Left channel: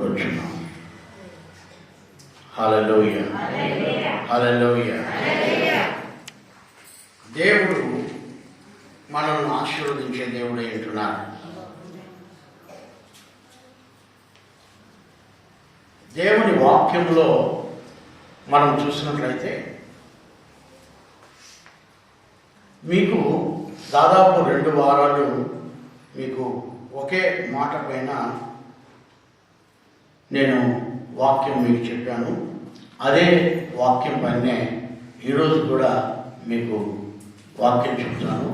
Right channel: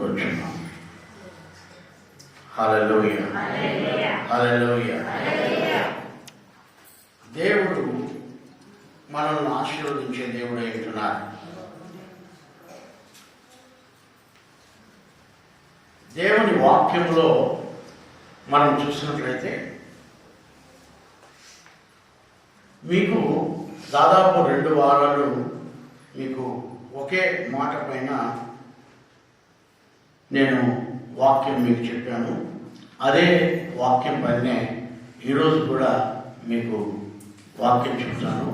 కూర్చున్నాం. హల్లెలూయా, హల్లెలూయా. దేవుడు మనల్ని ఆశీర్వదించే దేవుడు అంటున్నారు. దేవుని వాక్యంలో మనం చూసినట్లయితే మీకు దాదాపు 2 వారాలు మీకు ఒకే మాట పైన నేను వాక్యం మీకు చెప్పాను. అదే వాక్యం పైనే ఈరోజు కూడా మీకు వాక్యం చెప్తాను.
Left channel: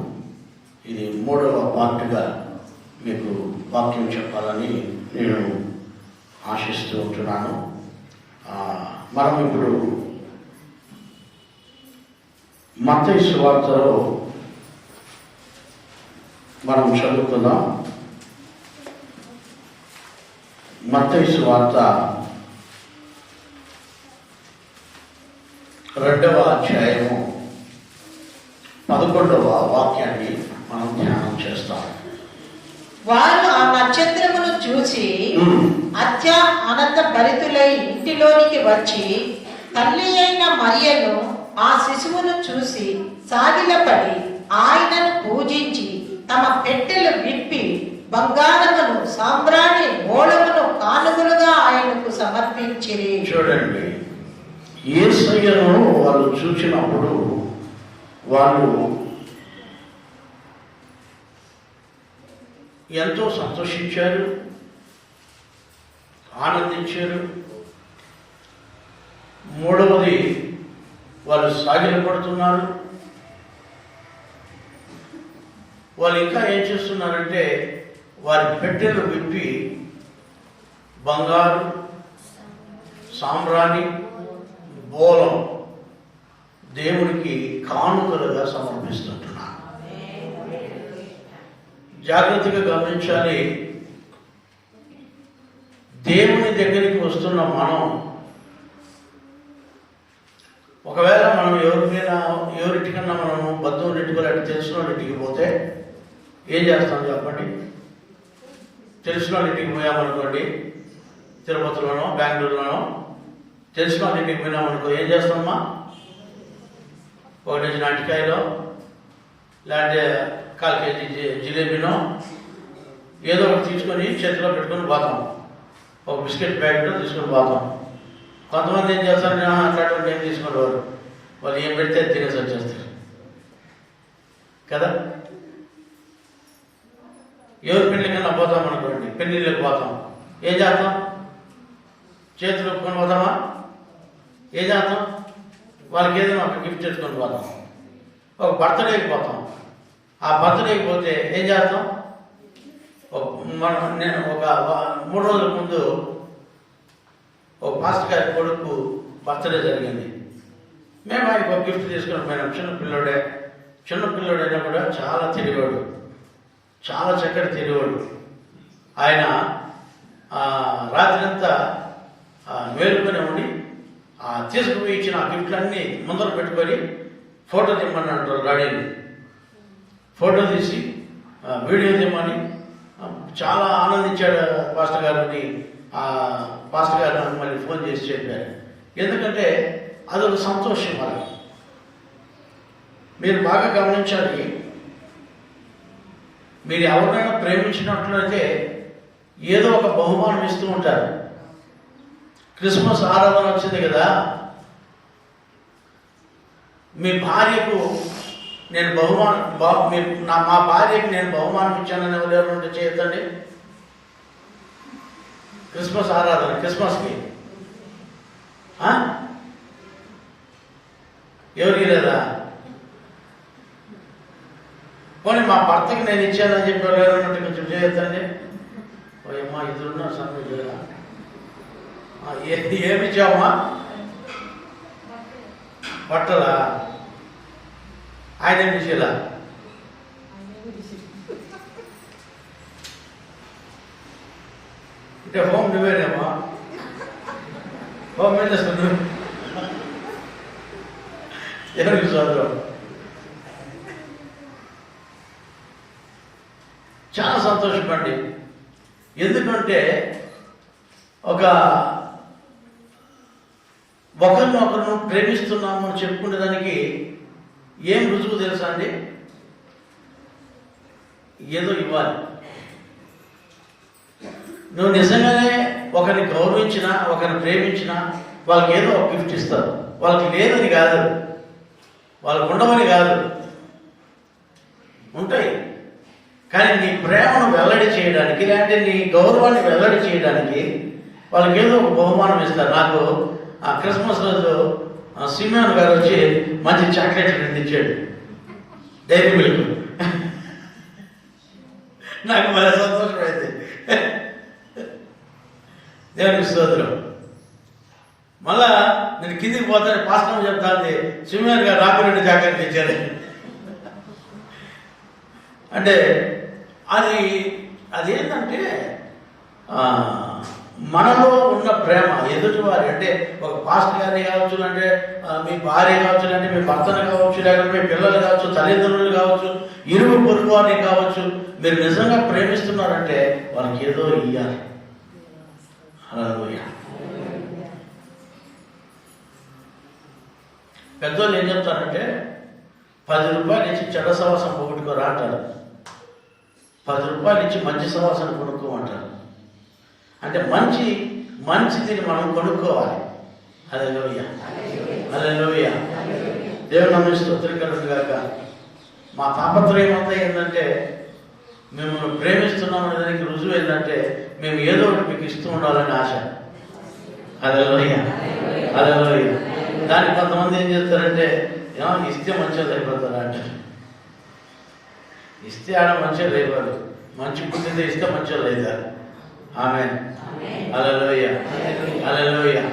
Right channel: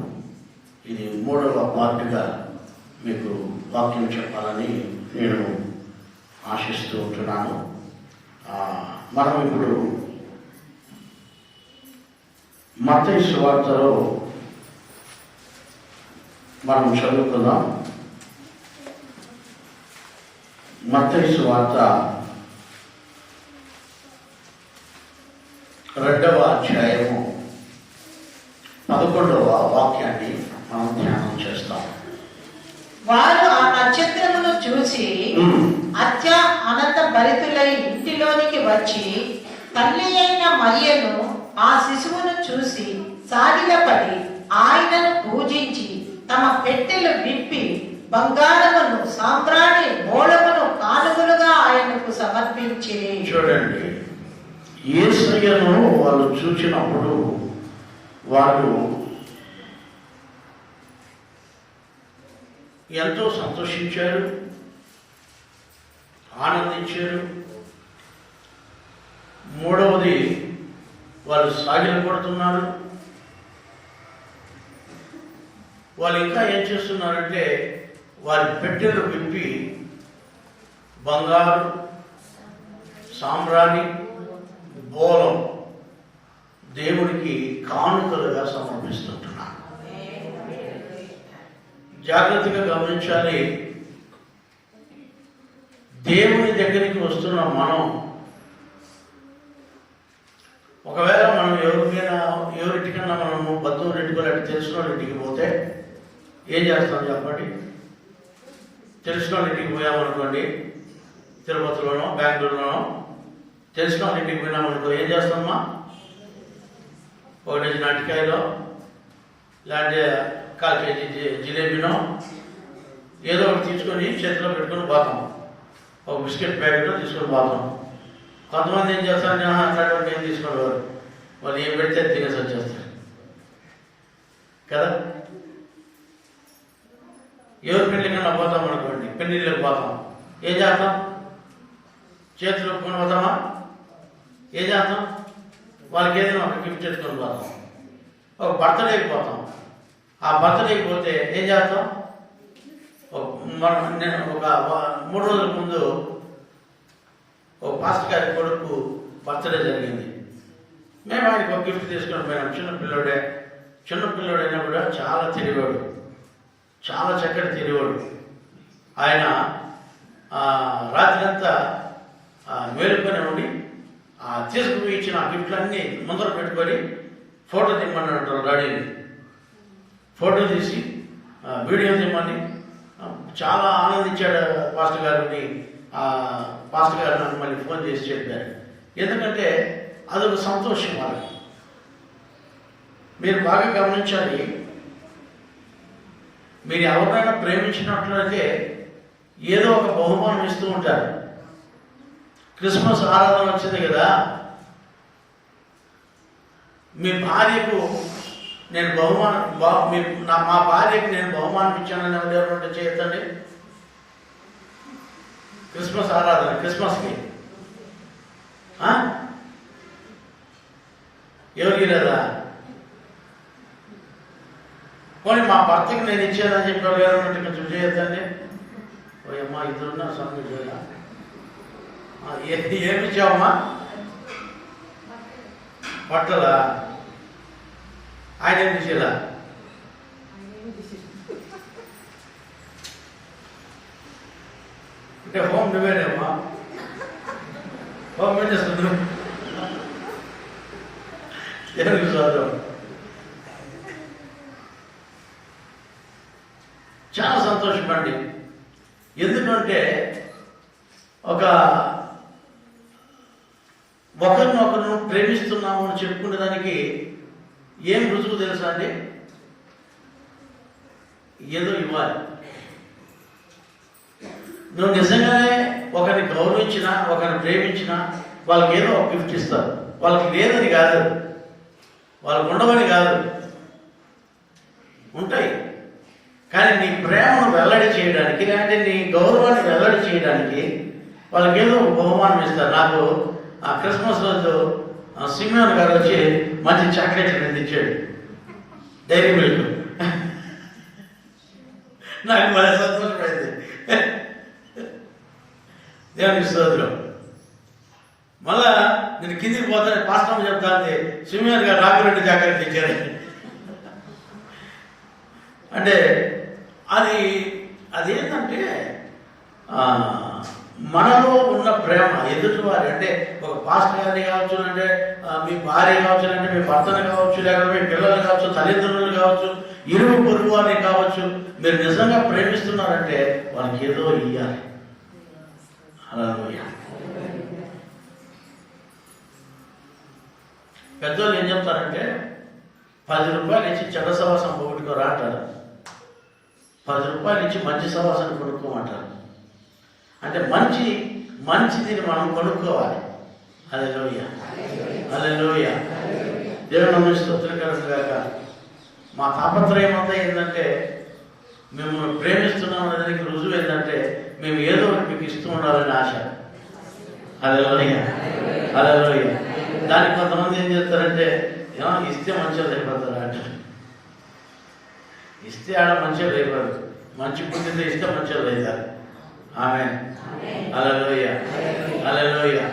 ఇది 3వ పార్ట్గా మీకు వాక్యం చెప్పాలని నేను ఆశిస్తూ ఉంటున్నాను. మనం ఇప్పుడు మత్తయి సువార్తలో మనం చదువుకుందాం. మత్తయి సువార్త 2వ అధ్యాయము 11వ వాక్యాన్ని మనం ధ్యానం చేస్తాం. వారు ఆ నక్షత్రమును చూసి అత్యానంద భరితులై ఇంటిలోనికి వచ్చి తల్లి అయిన మరియను ఆ శిశువును చూసి సాగిలపడి ఆయనను పూజించి తమ పెట్టెలు విప్పి బంగారమును సాంబ్రాణి మూలమును కానుకలుగా ఆయనకు సమర్పించి. చూడండి, యేసయ్యను వాళ్ళు చూసినప్పుడు వాళ్ళు ఎంతో సంతోషించారు, ఆనందించారు. మూడవది, వాళ్ళు సాగిలపడుతున్నారు. వాళ్ళు ఇంకా ఏం చేస్తున్నారంటే వారి పెట్టెలు విప్పి బంగారు, సాంబ్రాణి, బోలం దేవుడికి కానుకలుగా సమర్పిస్తుంటున్నారు. జాగ్రత్తగా గమనించాలి. దేవుని దగ్గరికి వస్తున్న మనం ఒకవేళ మనం ఎవరింటికన్నా మనము బంధువులు ఇంటికి తెలిసిన వాళ్ళ ఇంటికి పోతే ఏం చేస్తాం చెప్పండి? తెలిసిన వాళ్ళ ఇంటికి పోయామనుకోండి, తిరుపతిలోనో బెంగళూరులోనో తెలిసిన వాళ్ళ ఇంటికి పోయినామనుకో ఏం చేస్తామమ్మా? 1 డజన్ అరటికాయలో లేదంటే 1/4 కేజీ జిలేబీనో ఏదో ఒకటి తీసుకొని చేతిలో పెట్టుకొని పోతాం. ఒక బిస్కెట్ ప్యాకెట్ తీసుకొని పోతాం. కొంతమంది ఏం చేస్తారు, అట్లాంటి ఏం తీసుకుని వాళ్ళు ఏం పెడితే తినేసి వచ్చేస్తారు కదా. ఎవరి పెళ్ళికన్నా పోతాం అనుకోండి, పెళ్ళిళ్ళకి పోతాం, ఏం చేస్తాం? చేతులు ఒప్పుకొని పోతామా? ఏం చేస్తాం? వాళ్ళకి ఏదైనా ఒక గిఫ్ట్ తెచ్చుకొని పోతాం. ఒక బర్త్డేకి పోతాం. ఆ బర్త్డేకి పోతే ఏం చేస్తాం? నేను ఒక 3 రోజుల ముందు ఒక పాస్టర్ గారి కొడుకు బర్త్డే జరిగింది. మేము ఆయనకు ఒక గిఫ్ట్ తీసుకొని పోయినాం. చిన్నపిల్లోడైనా కూడా చాలా తెలివాడు, చాలా చక్కటి తెలివాడు. ఆయన రాత్రంతా మేలుకొని ఉండి తీసుకుపోయి ఇచ్చిన ఆ గిఫ్ట్లన్నీ ముందర పెట్టుకొని ఫోటో తీయమన్నాడు. రెడీని ఫోటో తీసి వీడియో తీయమని చాలా ఆనందించాడు పాస్టర్ గారిని. పాస్టర్ గారు నాకు మళ్ళీ ఫోన్ చేసి చెప్పారు. ఎందుకంటే అదొక సంతోషం. వాళ్ళకి మీరు బాగా గమనించాలి. మీరు ఎవరినైనా ప్రేమించినట్లయితే ఏదో ఒక బహుమానం ఇస్తూ ఉంటారు. క్రిస్మస్ ఆరాధన వచ్చింది కదా, మీ భార్యకు నేను మా భార్యకు నేను బహుమానం ఇచ్చానని ఎవరు ఉంటే చేయొద్దండి. క్రిస్మస్ ఆరాధన, క్రిస్మస్కి ఎవరికి లేదా? పోనీ మా భర్తకి నేను ఇచ్చానని చెప్పి ఎవరు ఉన్నట్టు కొంచెం చేయొద్దండి. ఓయమ్మా, ఇద్దరున్నారు సమయం ఏమి ఇచ్చావమ్మా? బట్టలా? ఆయన ఏమి చేయాల? అంటే హోమ్ నువ్వేనేమ్మా, హోమ్ ఏం చేస్తున్నావు? ఎవరికి చదువు? చాలా సంతోషపండి. ఎందుకంటే ఒకరినొకరు ప్రేమిస్తున్నాము అని చెప్పుకునే దానికి ఏం రుజువు తెలుసా అండి? ఏదో ఇవ్వాలి. నువ్వు నిజంగానే ఒకరిని గౌరవించినా, ఒకరిని ప్రేమించినా వాళ్ళకి ఏదో ఒక గిఫ్ట్ ఇస్తారు. వాళ్ళకి లేదని కాదు, వాళ్ళకు ఉండవని కాదు, ఉంటాయి. కానీ నీ ప్రేమను వెల్లడి చేయడానికి, లేదంటే నీ గౌరవాన్ని వెల్లడి చేయడానికి వాళ్ళకి ఏదో ఒక బహుమానం ఇస్తారు. నాకు ఆ క్రిస్మస్ రోజు సిమియోన్ గారు వచ్చి మంచి చాక్లెట్ ఇచ్చాడు, డైరీ మిల్క్. నాకు మళ్ళీ సంతోషమైంది. దేవునికి స్తోత్రం. మళ్ళా నేను కిందికి పోతాను, పాస్టర్ చెప్తాను, సిమియోన్ గారు రాఘవరెడ్డి చాక్లెట్ ఇచ్చారు. అంటే అదేంటంటే మనలో ఉన్న ప్రేమ ఎదుటివారి, అంటే ఒక పాస్టర్ గారిని కావచ్చు, అంటే మీ భార్య కావచ్చు, అంటే మీ భర్తను కావచ్చు, లేకపోతే మీ పిల్లలు కావచ్చు, తల్లిదండ్రులు కావచ్చు, ఇరుగు పొరుగు వారిని కావచ్చు, మీరు నిజంగా ప్రేమిస్తున్నారంటే వాళ్ళకి ఏదో ఇయ్యాలి. హల్లెలూయా. పెద్దోళ్ళు ఏం చెప్తారంటే 10 రూపాయలు ఇచ్చి చెడ్డ సవాసం పోగొట్టుకోరా అంటారు, 10 రూపాయలు ఇచ్చి మంచి సవాసం కొనుక్కోమంటారు. అంటే మంచిది మనం కొనుక్కోవాలి. హల్లెలూయా, హల్లెలూయా. దేవుని మనం స్తోత్రకరుగాక. మా తాపత్రయం అంతా ఏంటంటే మిమ్మల్ని ప్రేమిస్తున్నాం అనే దానికి రుజువు ఏంటంటే మేము ఏదో ఒకటి మీకు ఇస్తూ ఉండాలని ఆశ. హల్లెలూయా, హల్లెలూయా. దానికి కొంతమంది ఏం చేస్తారంటే ఇస్తే మంచిగా అయిపోతారా అంటారు. ఇస్తే ఆడ మంచిగా అయిపోరు, మంచి పుట్టిందే ఇస్తే మంచిగా అవుతారు. ఆమేన్, హల్లెలూయా, హల్లెలూయా.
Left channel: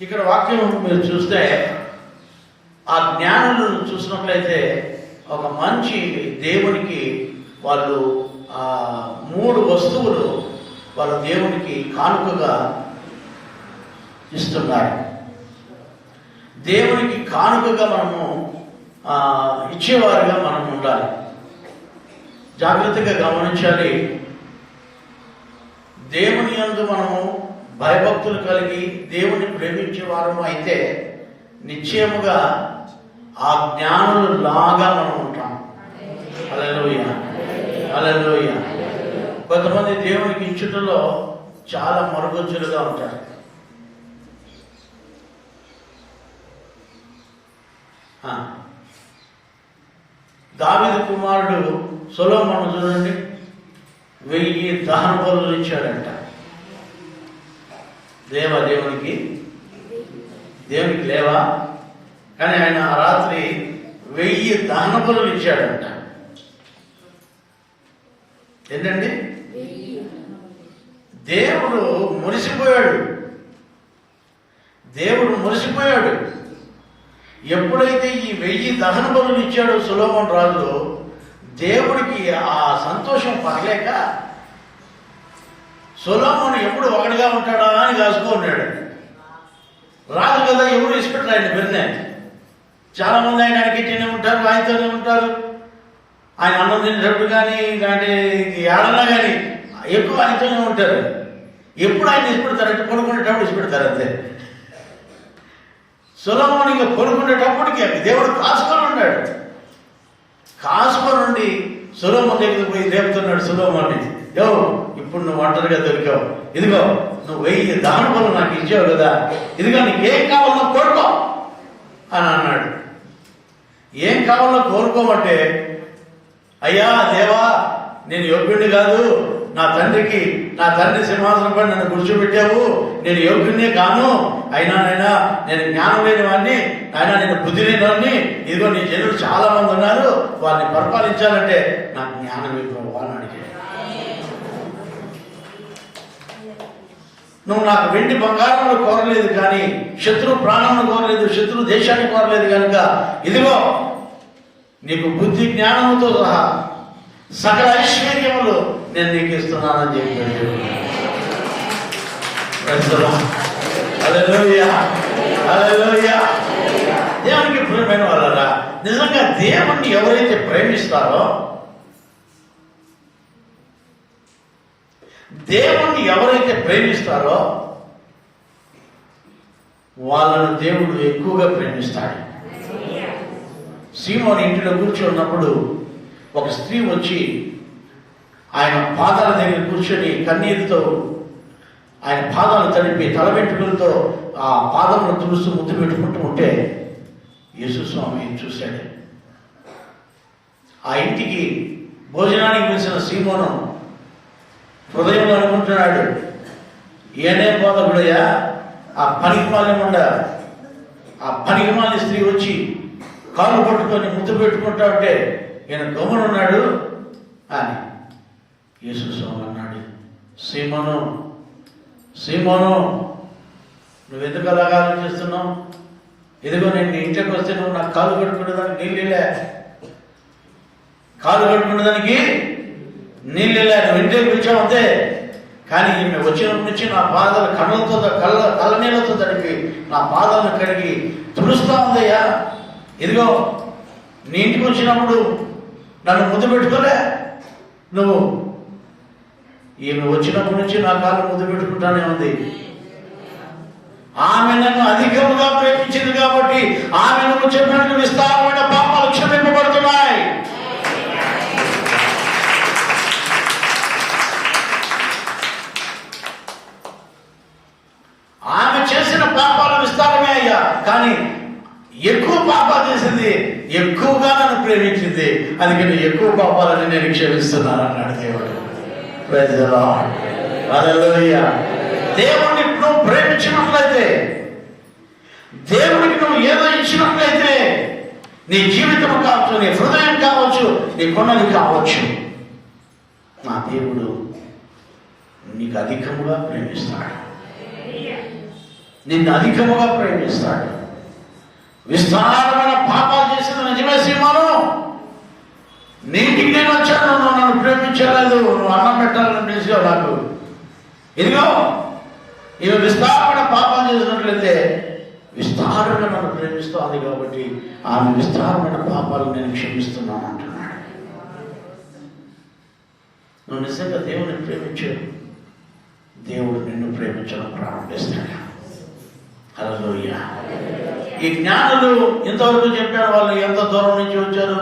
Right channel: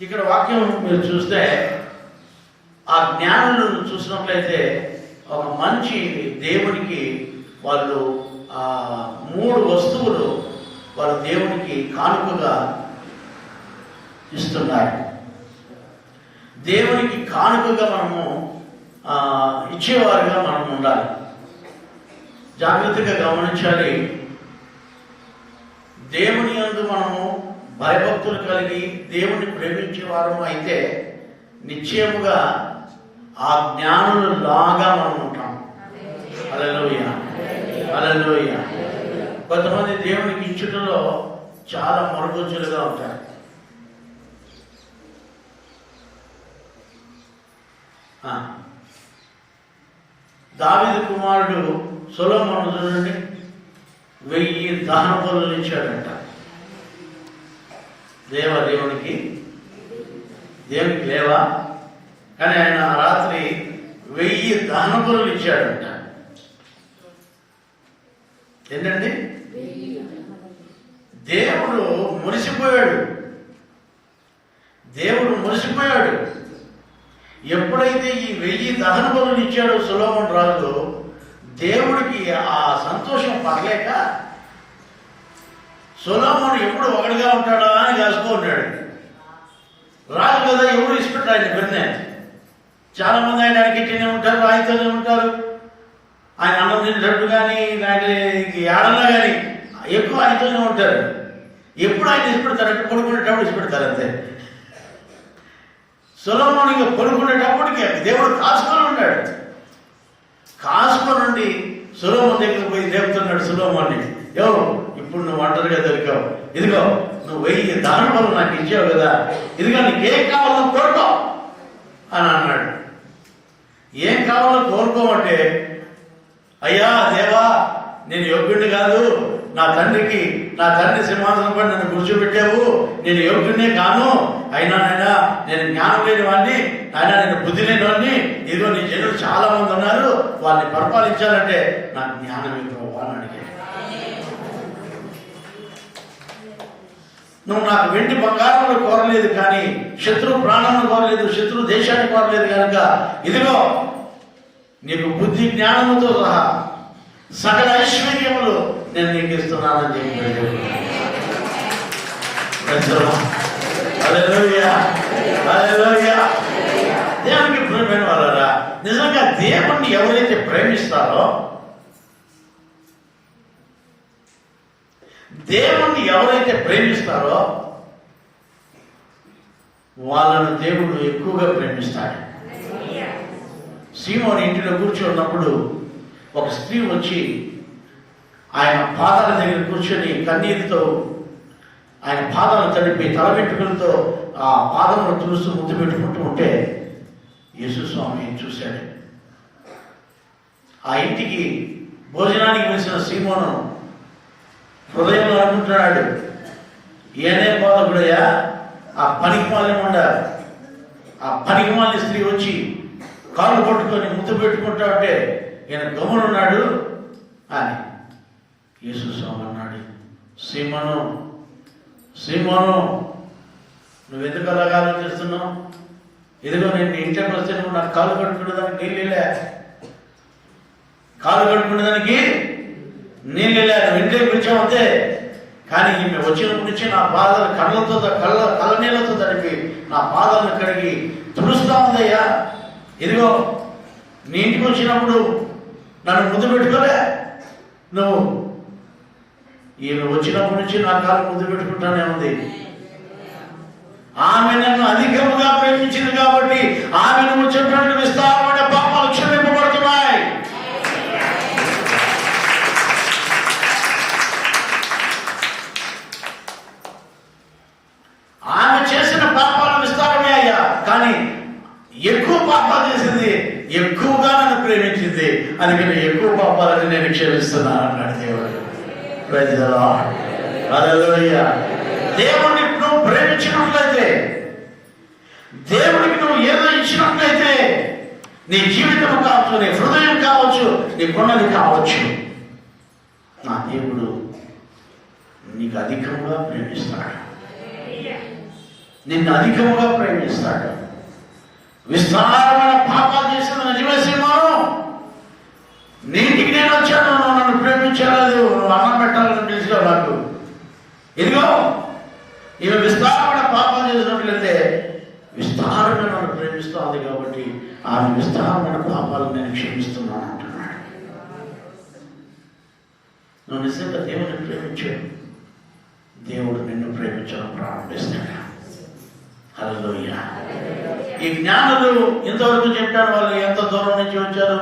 ఇక్కడ వాక్యం మీరు చూస్తే ఆ జ్ఞానులను చూసినట్లయితే ఒక మంచి దేవునికి వాళ్ళు 3 వస్తువులు వాళ్ళు దేవునికి కానుకగా ఇస్తున్నారు. దేవునికి కానుకగా మనము ఇచ్చేవారుగా మనం ఉండాలి. జాగ్రత్తగా గమనించాలి. దేవుని యందు మనము భయభక్తులు కలిగి దేవుని ప్రేమించేవారు అయితే నిశ్చయముగా ఆ జ్ఞానులు లాగా మనం ఉంటాం. హల్లెలూయా, హల్లెలూయా. కొంతమంది దేవునికి ఇచ్చుటలో చాలా మరుగుజ్జులుగా ఉంటారు. దావీదు కుమారుడు సొలొమోను చూడండి, 1000 దహన బలులు ఇచ్చాడంట. దేవునికి లేవా, కానీ ఆయన రాత్రి 1000 దహన బలులు ఇచ్చాడంట. ఏంటండి? దేవుడు మురిసిపోయాడు. ఎప్పుడైతే ఈ 1000 దహన బలులు ఇచ్చాడో సొలొమోను రాజు, దేవుడికి ఆ సంతోషం పడలేక సొలొమోను ఎప్పుడు ఒకటిగా ఉంటాడా అని కాసుకున్నాడు. రాజు కదా, ఎవరు ఇష్టపెట్టారు ఆయన విన్నే. చాలా మంది ఆయన కిట్టనే ఉంటారు, ఆయనతోనే ఉంటారు. ఆయన అన్నం తినేటప్పుడు కానీ ఏడన్నా కానీ ఎక్కువ ఆయనతోనే ఉంటారు. ఎప్పుడు ఆయన ఇష్టపెడతారంటే పడుకునేటప్పుడు ఇష్టపెడతారు అంతే. సొలొమోను పడుకునేటప్పటికి దేవుడు కాసుకొని ఉన్నాడు. కాసుకొని సొలొమోను దగ్గరికి పోయి లేపుతున్నాడు సొలొమోన్ని, ఇప్పుడు నువ్వు ఒంటరిగా దొరికావు, ఇదిగో నువ్వు 1000 దహన బలులు నాకు ఇచ్చావు కదా, ఇదిగో నీకేం కావాలో కోరుకో అని అన్నాడు. ఏం కావాలో కోరుకోమంటే, అయ్యా దేవా, నేను యోగ్యుడిని కాదు, నా తండ్రి సింహాసనం పడి నన్ను కూర్చోబెట్టావు, నేను యోగ్యుడినే కాను, అయినా నేను జ్ఞానం లేని వాడిని, అయినా నేను బుద్ధి లేని వాడిని, ఇదిగో నీ జనులు చాలా మంది ఉన్నారు, వారిని పరిపాలించాలంటే నాకు జ్ఞానం ఇవ్వవు అని అడిగాడు. నువ్వు నాకు వెండి బంగారములు కోరలేదు, కానీ శత్రు ప్రాణములు కోరలేదు, శత్రు దేశాన్ని కోరలేదు కనుక ఇదిగో నీకు బుద్ధి జ్ఞానముతో సహా సకల ఐశ్వర్యములు నేను నీకు ఇస్తున్నానని చెప్పాడు. హల్లెలూయా, హల్లెలూయా. దేవునికి ప్రియమైన వాళ్ళరా, నిజంగా దేవుణ్ణి ఎవరైతే ప్రేమిస్తారో, దేవుణ్ణి ఎవరైతే ప్రేమిస్తారో వాళ్ళను దేవుడు ఎక్కువగా ప్రేమిస్తాడు. సీమోను ఇంటిలో కూర్చొని ఉన్నప్పుడు ఒక స్త్రీ వచ్చి ఆయన పాదాల దగ్గర కూర్చొని కన్నీరుతో ఆయన పాదాలు తడిపి తల వెంట్రుకలతో ఆ పాదమును తుడుస్తూ ముద్దు పెట్టుకుంటూ ఉంటే యేసు స్వామి చూశాడు. ఆ ఇంటికి భోజనానికి పిలిచిన సీమోను హృదయంలో అనుకుంటున్నాడు, ఏనే పోదకుడయా, ఆ పనికిమాలిన ఆ పనికిమాలిన స్త్రీ వచ్చి కాలు పట్టుకొని ముద్దు పెట్టుకుంటా ఉంటే ఈయన గమ్మునున్నాడు అని. యేసు స్వామి అన్నాడు, సీమోను సీమోను, నువ్వు ఎందుకు అలాగా ఆలోచిస్తున్నావు? ఎదుగో నేను ఇంటికి వస్తే నువ్వు నాకు కాలు కట్టుకునేదానికి నీళ్ళే, కాలు కట్టుకునేదానికి నీళ్ళే, నువ్వు ఇంటికి పిలిచావు అంతే. కానీ నేను వచ్చినప్పటి నుంచి నా పాదాలు కళ్ళ నీళ్ళతో తడిపి నా పాదాలను కడిగి తుడుస్తా ఉందయ్యా. ఇదిగో నీ ఇంటికి వచ్చినప్పుడు నన్ను ముద్దు పెట్టుకోలే నువ్వు, ఈమె వచ్చినప్పటి నుంచి నా కాలు ముద్దు పెట్టుకుంటానే ఉంది. ఆమె నన్ను అధికముగా ప్రేమించింది కాబట్టి ఆమె నువ్వు చెప్పినట్టు విస్తారమైన పాపాలు క్షమింపబడుతున్నాయి. ఆమె చేసిన పాపాలు విస్తారమే అయ్యా, కానీ ఎక్కువ పాపాలు చేసింది, ఎక్కువగా నన్ను ప్రేమించింది, అందుకని ఎక్కువ పాపాలని నేను క్షమిస్తున్నాను అన్నాడు దేవుడు. Praise the Lord. హల్లెలూయా. దేవుడిని నువ్వు ప్రేమించినట్లయితే, దేవుడికి నువ్వు ఏదో ఇచ్చినట్లయితే, నీ జీవితం కావచ్చు, నీ హృదయం కావచ్చు, నీ కొనలు కావచ్చు, నా దేవుడు నీకు అధికంగా ప్రేమిస్తాడు, నిన్ను అధికంగా ప్రేమిస్తాడు. విస్తారమైన పాపాలు చేసిన నిజమే సీమోను, నీటికి నేను వచ్చాను, నువ్వు నన్ను ప్రేమించలేదు, నువ్వు అన్నం పెట్టాలని పిలిచావు నాకు. ఇదిగో ఇవి విస్తారమైన పాపాలు చేసినట్లయితే విస్తారమైన నన్ను ప్రేమిస్తుంది కాబట్టి ఆమె విస్తారమైన పాపాలను నేను క్షమిస్తున్నాను అంటున్నాడు. నువ్వు నిజంగా దేవుని ప్రేమించావు, దేవుడు నిన్ను ప్రేమించడం ప్రారంభిస్తాడు. హల్లెలూయా. ఈ జ్ఞానులు ఇంతవరకు చెప్పారు, వాళ్ళు ఎంత దూరం నుంచి వచ్చారు,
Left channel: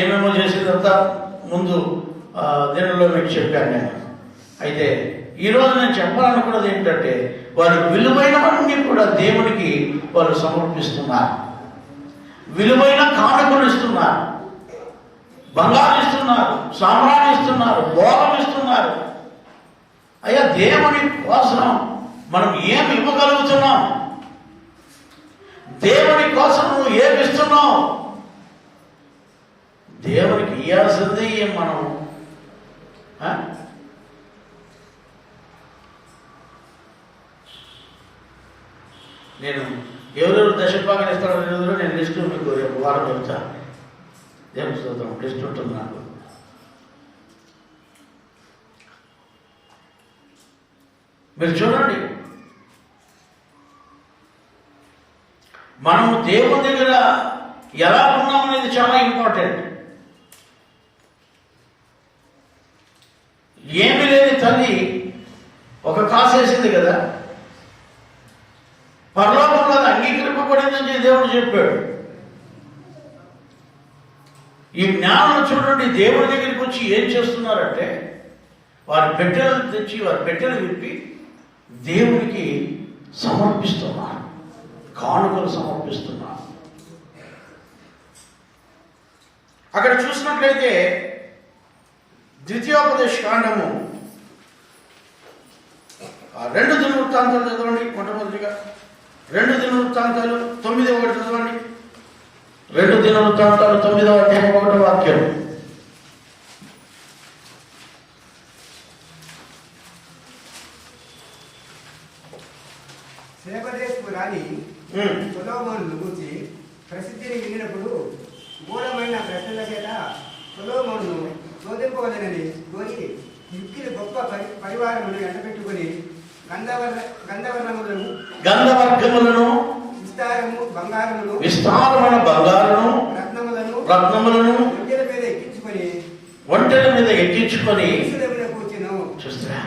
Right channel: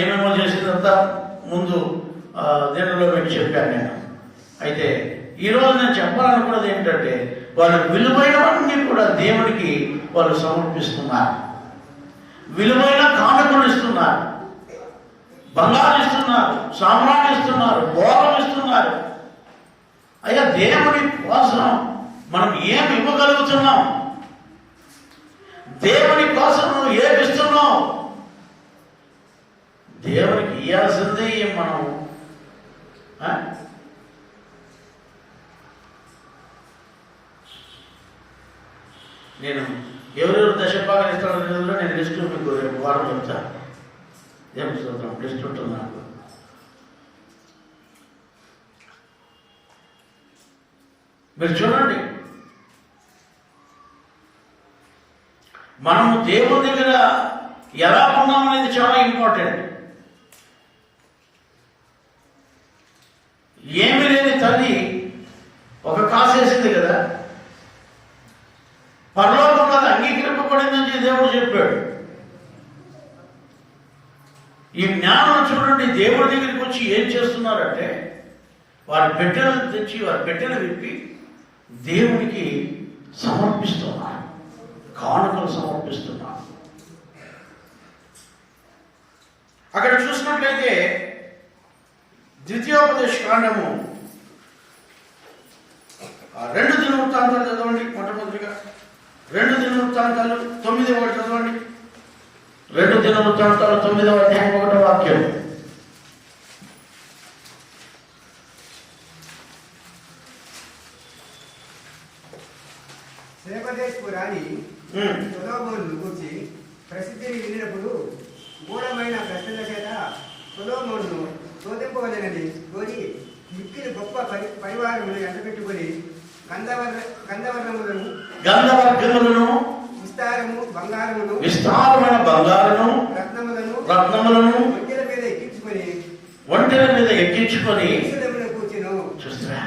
ఏమేమో చేసేదంతా ముందు దీనిలో మీకు చెప్పాను నేను. అయితే ఈరోజు నేను చెప్పాలనుకున్నది ఏంటంటే, వారు విలువైనవన్నీ కూడా దేవునికి వారు సమర్పిస్తున్నారు. విలువైన కానుకలు ఇస్తున్నారు, బంగారం ఇస్తున్నారు, సామ్రాణి ఇస్తున్నారు, భోగం ఇస్తున్నారు. అయ్యా, దేవుని కోసం మనం ఏమి ఇవ్వగలుగుతున్నాం? దేవుని కోసం నువ్వు ఏమి ఇస్తున్నావు? దేవునికి ఇవ్వాల్సిందే మనం. నేను ఎవరెవరు దశభాగాలు ఇస్తాడో నేను లిస్ట్ మీకు రేపు వారం చెప్తా. దేవుని స్తోత్రం, లిస్ట్ ఉంటుంది నాకు. మీరు చూడండి, మనము దేవుడి దగ్గర ఎలా ఉన్నామనేది చాలా ఇంపార్టెంట్. ఏమి లేని తల్లి ఒక కాసేసింది కదా, పరలోకంలో అంగీకరింపబడిందని దేవుడు చెప్పాడు. ఈ జ్ఞానం చూడండి, దేవుడి దగ్గరికి వచ్చి ఏం చేస్తున్నారంటే, వారి పెట్టెలను తెచ్చి వారి పెట్టెలు విప్పి దేవునికి సమర్పిస్తున్నారు, కానుకలు సమర్పిస్తున్నారు. అక్కడ చూసినట్లయితే ద్వితీయోపదేశ కాండము 2 దినవృత్తాంతాలు చదవండి. మొట్టమొదటిగా 2 దినవృత్తాంతాలు 9వ చదవండి. 2 దినవృత్తాంతాలు 9వ అధ్యాయం 1వ వాక్యం. శేబదేశపు రాణి సొలొమోనును గూర్చి ప్రసిద్ధిని వినినప్పుడు మూఢమైన ప్రశ్నల చేత సొలొమోనును శోధింపవలెనని కోరి మిక్కిలి గొప్ప పరివారమును ఎండబెట్టుకుని గంధవర్గములను విస్తారమైన బంగారమును రత్నములను ఒంటెల మీద ఎక్కించుకొని చూస్తారా?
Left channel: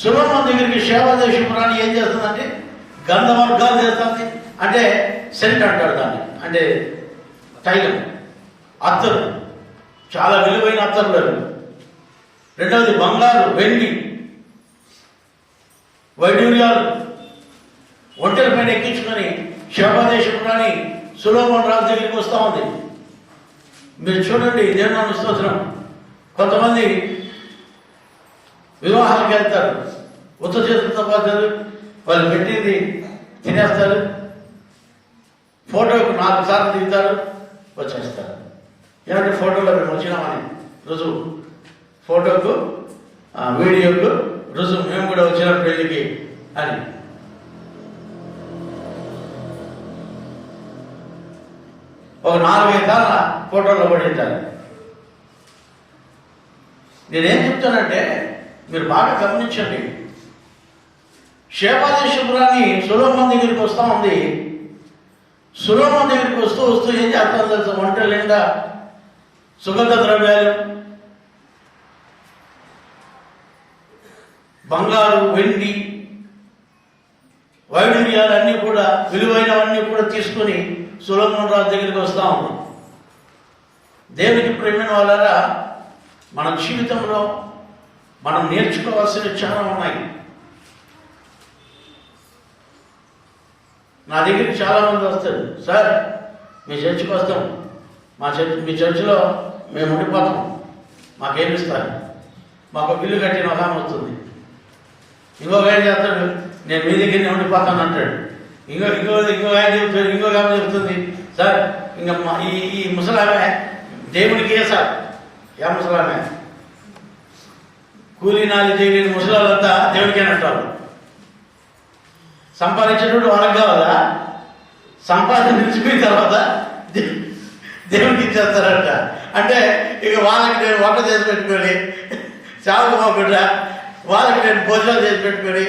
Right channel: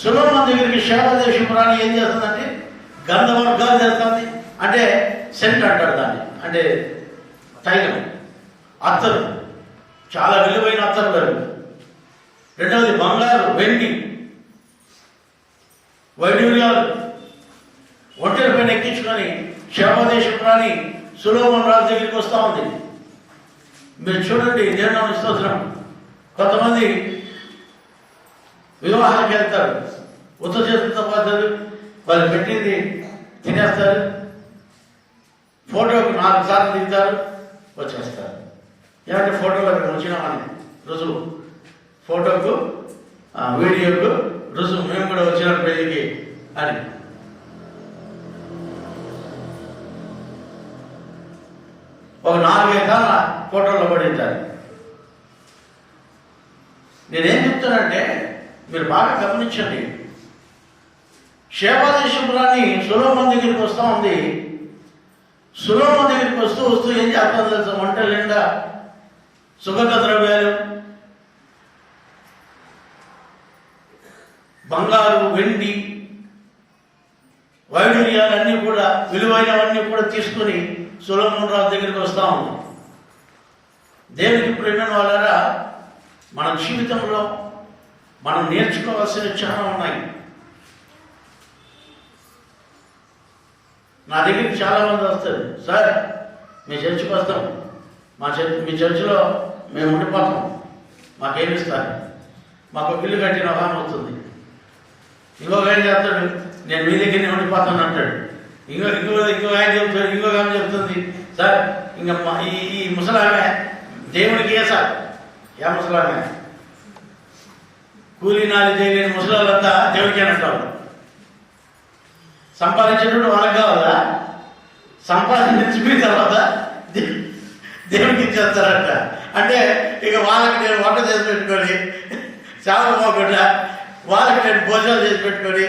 సొలొమోను దగ్గరికి శేబదేశపురాణి ఏం చేస్తుందంటే గంధవర్గాలు చేస్తుంది. అంటే సెంట్ అంటారు దాన్ని, అంటే తైలం, అత్తరు, చాలా విలువైన అత్తరు. రెండవది బంగారు, వెండి, వైడూర్యాలు ఒంటెల పైన ఎక్కించుకొని శేబదేశపురాణి సొలొమోను రాజు దగ్గరికి వస్తూ ఉంది. మీరు చూడండి, దేవుని స్తోత్రం. కొంతమంది వివాహాలకు వెళ్తారు, ఉత్త చేతులతో పోతారు, వాళ్ళు పెట్టింది తినేస్తారు, ఫోటోకి 4 సార్లు దిగుతారు, వచ్చేస్తారు. ఏమంటే ఫోటోలో మేము వచ్చినామని రుజువు, ఫోటోకు వీడియోకు రుజువు, మేము కూడా వచ్చినాం పెళ్లికి అని. ఒక 4-5 సార్లు ఫోటోలో పడింటారు. నేనేం చెప్తానంటే మీరు బాగా గమనించండి. శేబదేశపురాణి సొలొమోను దగ్గరికి వస్తూ ఉంది. సొలొమోను దగ్గరికి వస్తూ ఏం చేస్తాం తెలుసు? వంట నిండా సుగంధ ద్రవ్యాలు, బంగారు, వెండి, వైడూర్యాలు అన్నీ కూడా, విలువైనవన్నీ కూడా తీసుకుని సొలొమోను రాజు దగ్గరికి వస్తూ ఉంది. దేవునికి ప్రేమైన వాళ్ళారా, మన జీవితంలో మనం నేర్చుకోవాల్సినవి చాలా ఉన్నాయి. నా దగ్గరికి చాలా మంది వస్తారు, సార్ మీ చర్చికి వస్తాం, మీ చర్చిలో మేము ఉండిపోతాం, మాకేమిస్తారు, మాకు బిల్లు కట్టిన ఒక ఆమె వస్తుంది. ఇంకొక ఆయన చెప్తాడు, నేను మీ దగ్గరనే ఉండిపోతాను అంటాడు. ఇంకో ఆయన చెప్తాడు, ఇంకొక ఆమె చెప్తుంది, సార్ ఇంకా ఈ ముసలామె దేవునికి ఏ సార్, ఏ ముసలామె, కూలీనాలు చేయలేని ముసలాళ్ళంతా దేవుడికి అని అంటారు. సంపాదించేటప్పుడు వాళ్ళకి కావాలా, సంపాదించిన తర్వాత దేవుడికి ఇచ్చేస్తారంట. అంటే ఇక వాళ్ళకి నేను వంట చేసి పెట్టుకొని, చావుకు పోకుండా వాళ్ళకి నేను భోజనాలు చేసి పెట్టుకొని,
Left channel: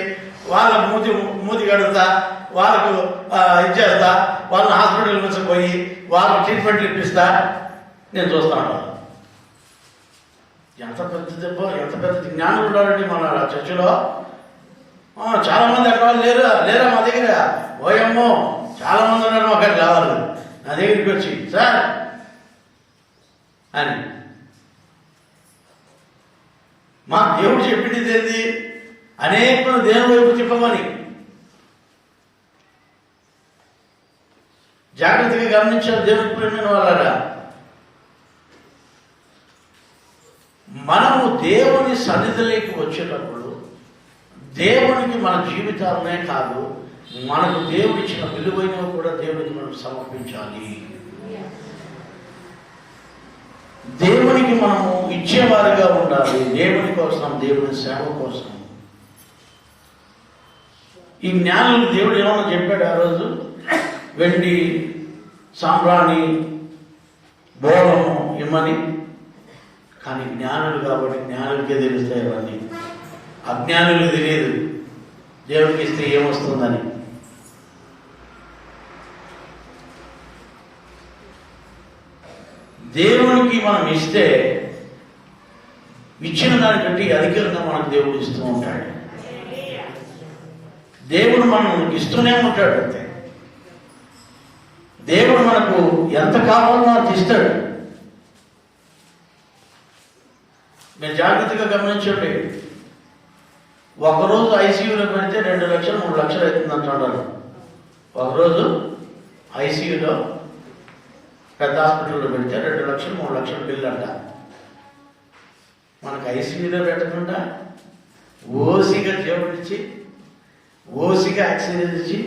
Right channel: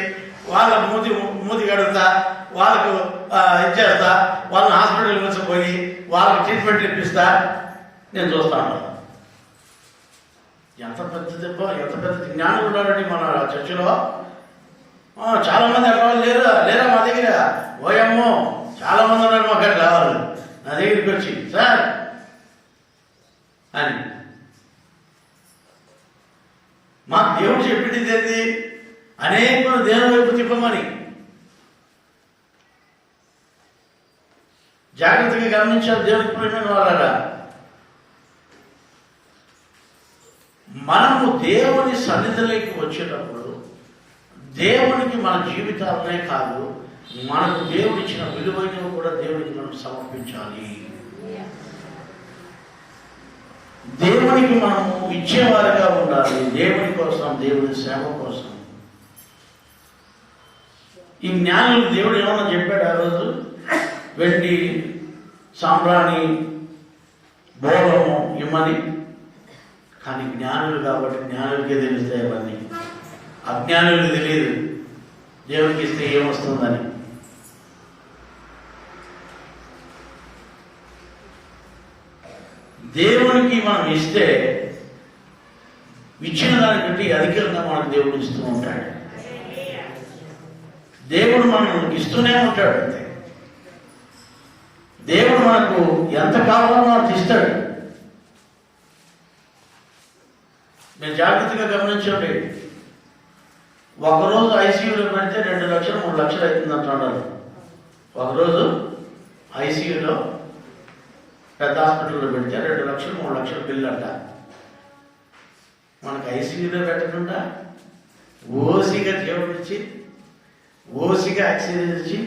వాళ్ళ మూతి కడుగుతా, వాళ్ళకు ఇచ్చేస్తా, వాళ్ళని హాస్పిటల్ తీసుకుపోయి వాళ్ళకి ట్రీట్మెంట్లు ఇప్పిస్తా, నేను చూస్తాను. ఎంత పెద్ద దెబ్బ, ఎంత పెద్ద జ్ఞానం ఉండాలండి మన చర్చిలో. చాలా మంది అక్కడ వాళ్ళు లేరా మా దగ్గర, ఓయమ్మో చాలా మంది ఉన్నారు అక్కడ కావాలి నా దగ్గరికి వచ్చి, సార్ అని. మా దేవుడు చెప్పింది ఏంది? అనేకులు దేవుని వైపు తిప్పమని. జాగ్రత్తగా గమనించారు దేవుడికి ప్రేమ వాళ్ళగా. మనము దేవుని సన్నిధిలోకి వచ్చేటప్పుడు దేవునికి మన జీవితాలనే కాదు, మనకు దేవుడు ఇచ్చిన విలువైనవి కూడా దేవునికి మనం సమర్పించాలి. దేవునికి మనము ఇచ్చేవారుగా ఉండాలి, దేవుని కోసం, దేవుని సేవ కోసం. ఈ జ్ఞానులు దేవుడు ఏమన్నా చెప్పాడు ఆ రోజు? వెండి, సాంబ్రాణి, బోళము ఇమ్మని. కానీ జ్ఞానులు కాబట్టి జ్ఞానులకే తెలుస్తాయి అవన్నీ. అజ్ఞానులు తెలియదు దేవునికి ఇస్తే ఏమొస్తుందని. దేవునికి మనం ఇస్తే ఇచ్చిన దాన్ని బట్టి అధికంగా మనకు దేవుడు ఇస్తూ ఉంటాడు. దేవుడు మనం ఇస్తూనే ఉంటాడు. అంతే, దేవుడు మనకు ఎంత కావాలో అంత ఇస్తాడు. నేను జాగ్రత్తగా గమనించండి. ఒకరోజు ఐసీయూలో పెడితే 2 లక్షలు 3 లక్షలు అవుతుంది అంటున్నారు. ఒకరోజు ఐసీయూలో పెద్ద హాస్పిటల్లో పెడితే 2 లక్షలు 3 లక్షల బిల్లు అంట. మనకు ఐసీయూలో పెట్టకుండా ఓసిగా జీవనిచ్చి, ఓసిగా ఆక్సిజన్ ఇచ్చి,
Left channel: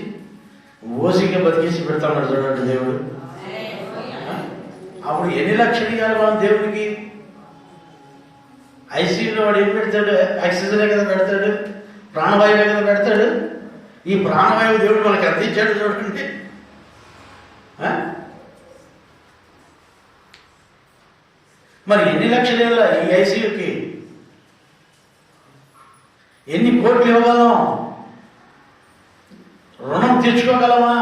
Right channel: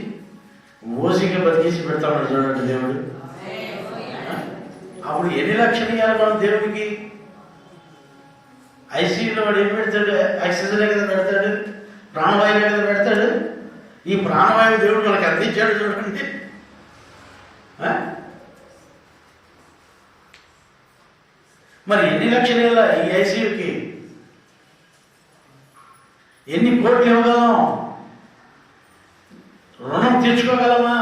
ఓసిగా బతికేసి పెడతామని చూడండి దేవుడు. అప్పుడు ఎన్ని లక్షలు ఇవ్వాలి మనం దేవుడికి? ఐసీయూలో వాడు ఏం పెడతాడు? ఆక్సిజనే కదా పెడతాడు, ప్రాణవాయువే కదా పెడతాడు. ఈ ప్రాణవాయువు దేవుడు మనకి అందించాడు చూడండి. మరి ఎన్ని లక్షలు ఇవ్వాలి ఈ ఐసీయూకి? ఎన్ని కోట్లు ఇవ్వగలం? రుణం తీర్చుకోగలమా?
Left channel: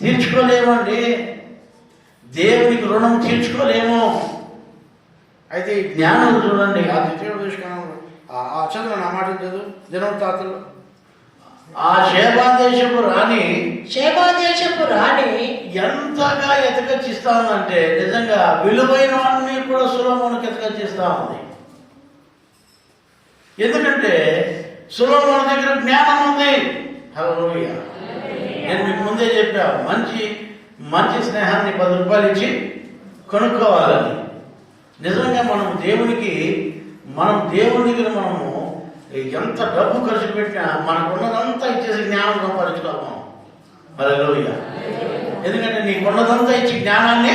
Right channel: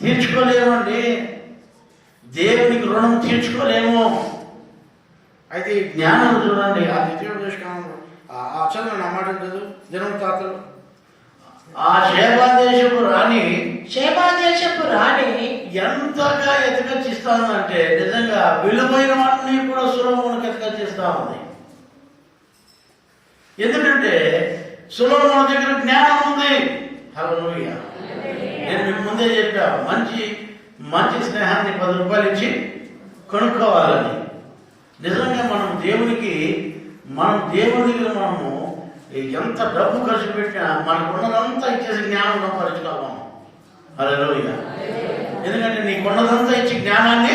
తీర్చుకోలేమండి. దేవునికి రుణం తీర్చుకోలేము. అయితే ఈ జ్ఞానం చూడండి, ఆ ద్వితీయోపదేశకాండంలో ఆ చదువు నా మాట చదువు దినవృత్తాంతాలు. ఆ షేబాదేశపు రాణి ఎంతగా ఎతకచ్చిస్తా ఉందంటే నిజంగా విలువైనవన్నీ కూడా సొలొమోనుకి ఎతకచ్చిస్తా ఉంది. ఎందుకంటే సొలొమోను దగ్గర జ్ఞానం ఉంది. హల్లెలూయా. నేను మీకు ముందే చెప్పా, మంచి స్నేహాన్ని 10 రూపాయలు ఇచ్చి కొనుక్కోవాలని. నిజంగా మనం దేవుని దగ్గర మనము ఎంత డబ్బు ఖర్చు పెట్టినా మనకు ఉన్నదంతా ఇచ్చేసి జ్ఞానం సంపాదించుకోవాలి. హల్లెలూయా. ఎందుకంటే నీకు ఉన్నదంతా ఇచ్చి జ్ఞానాన్ని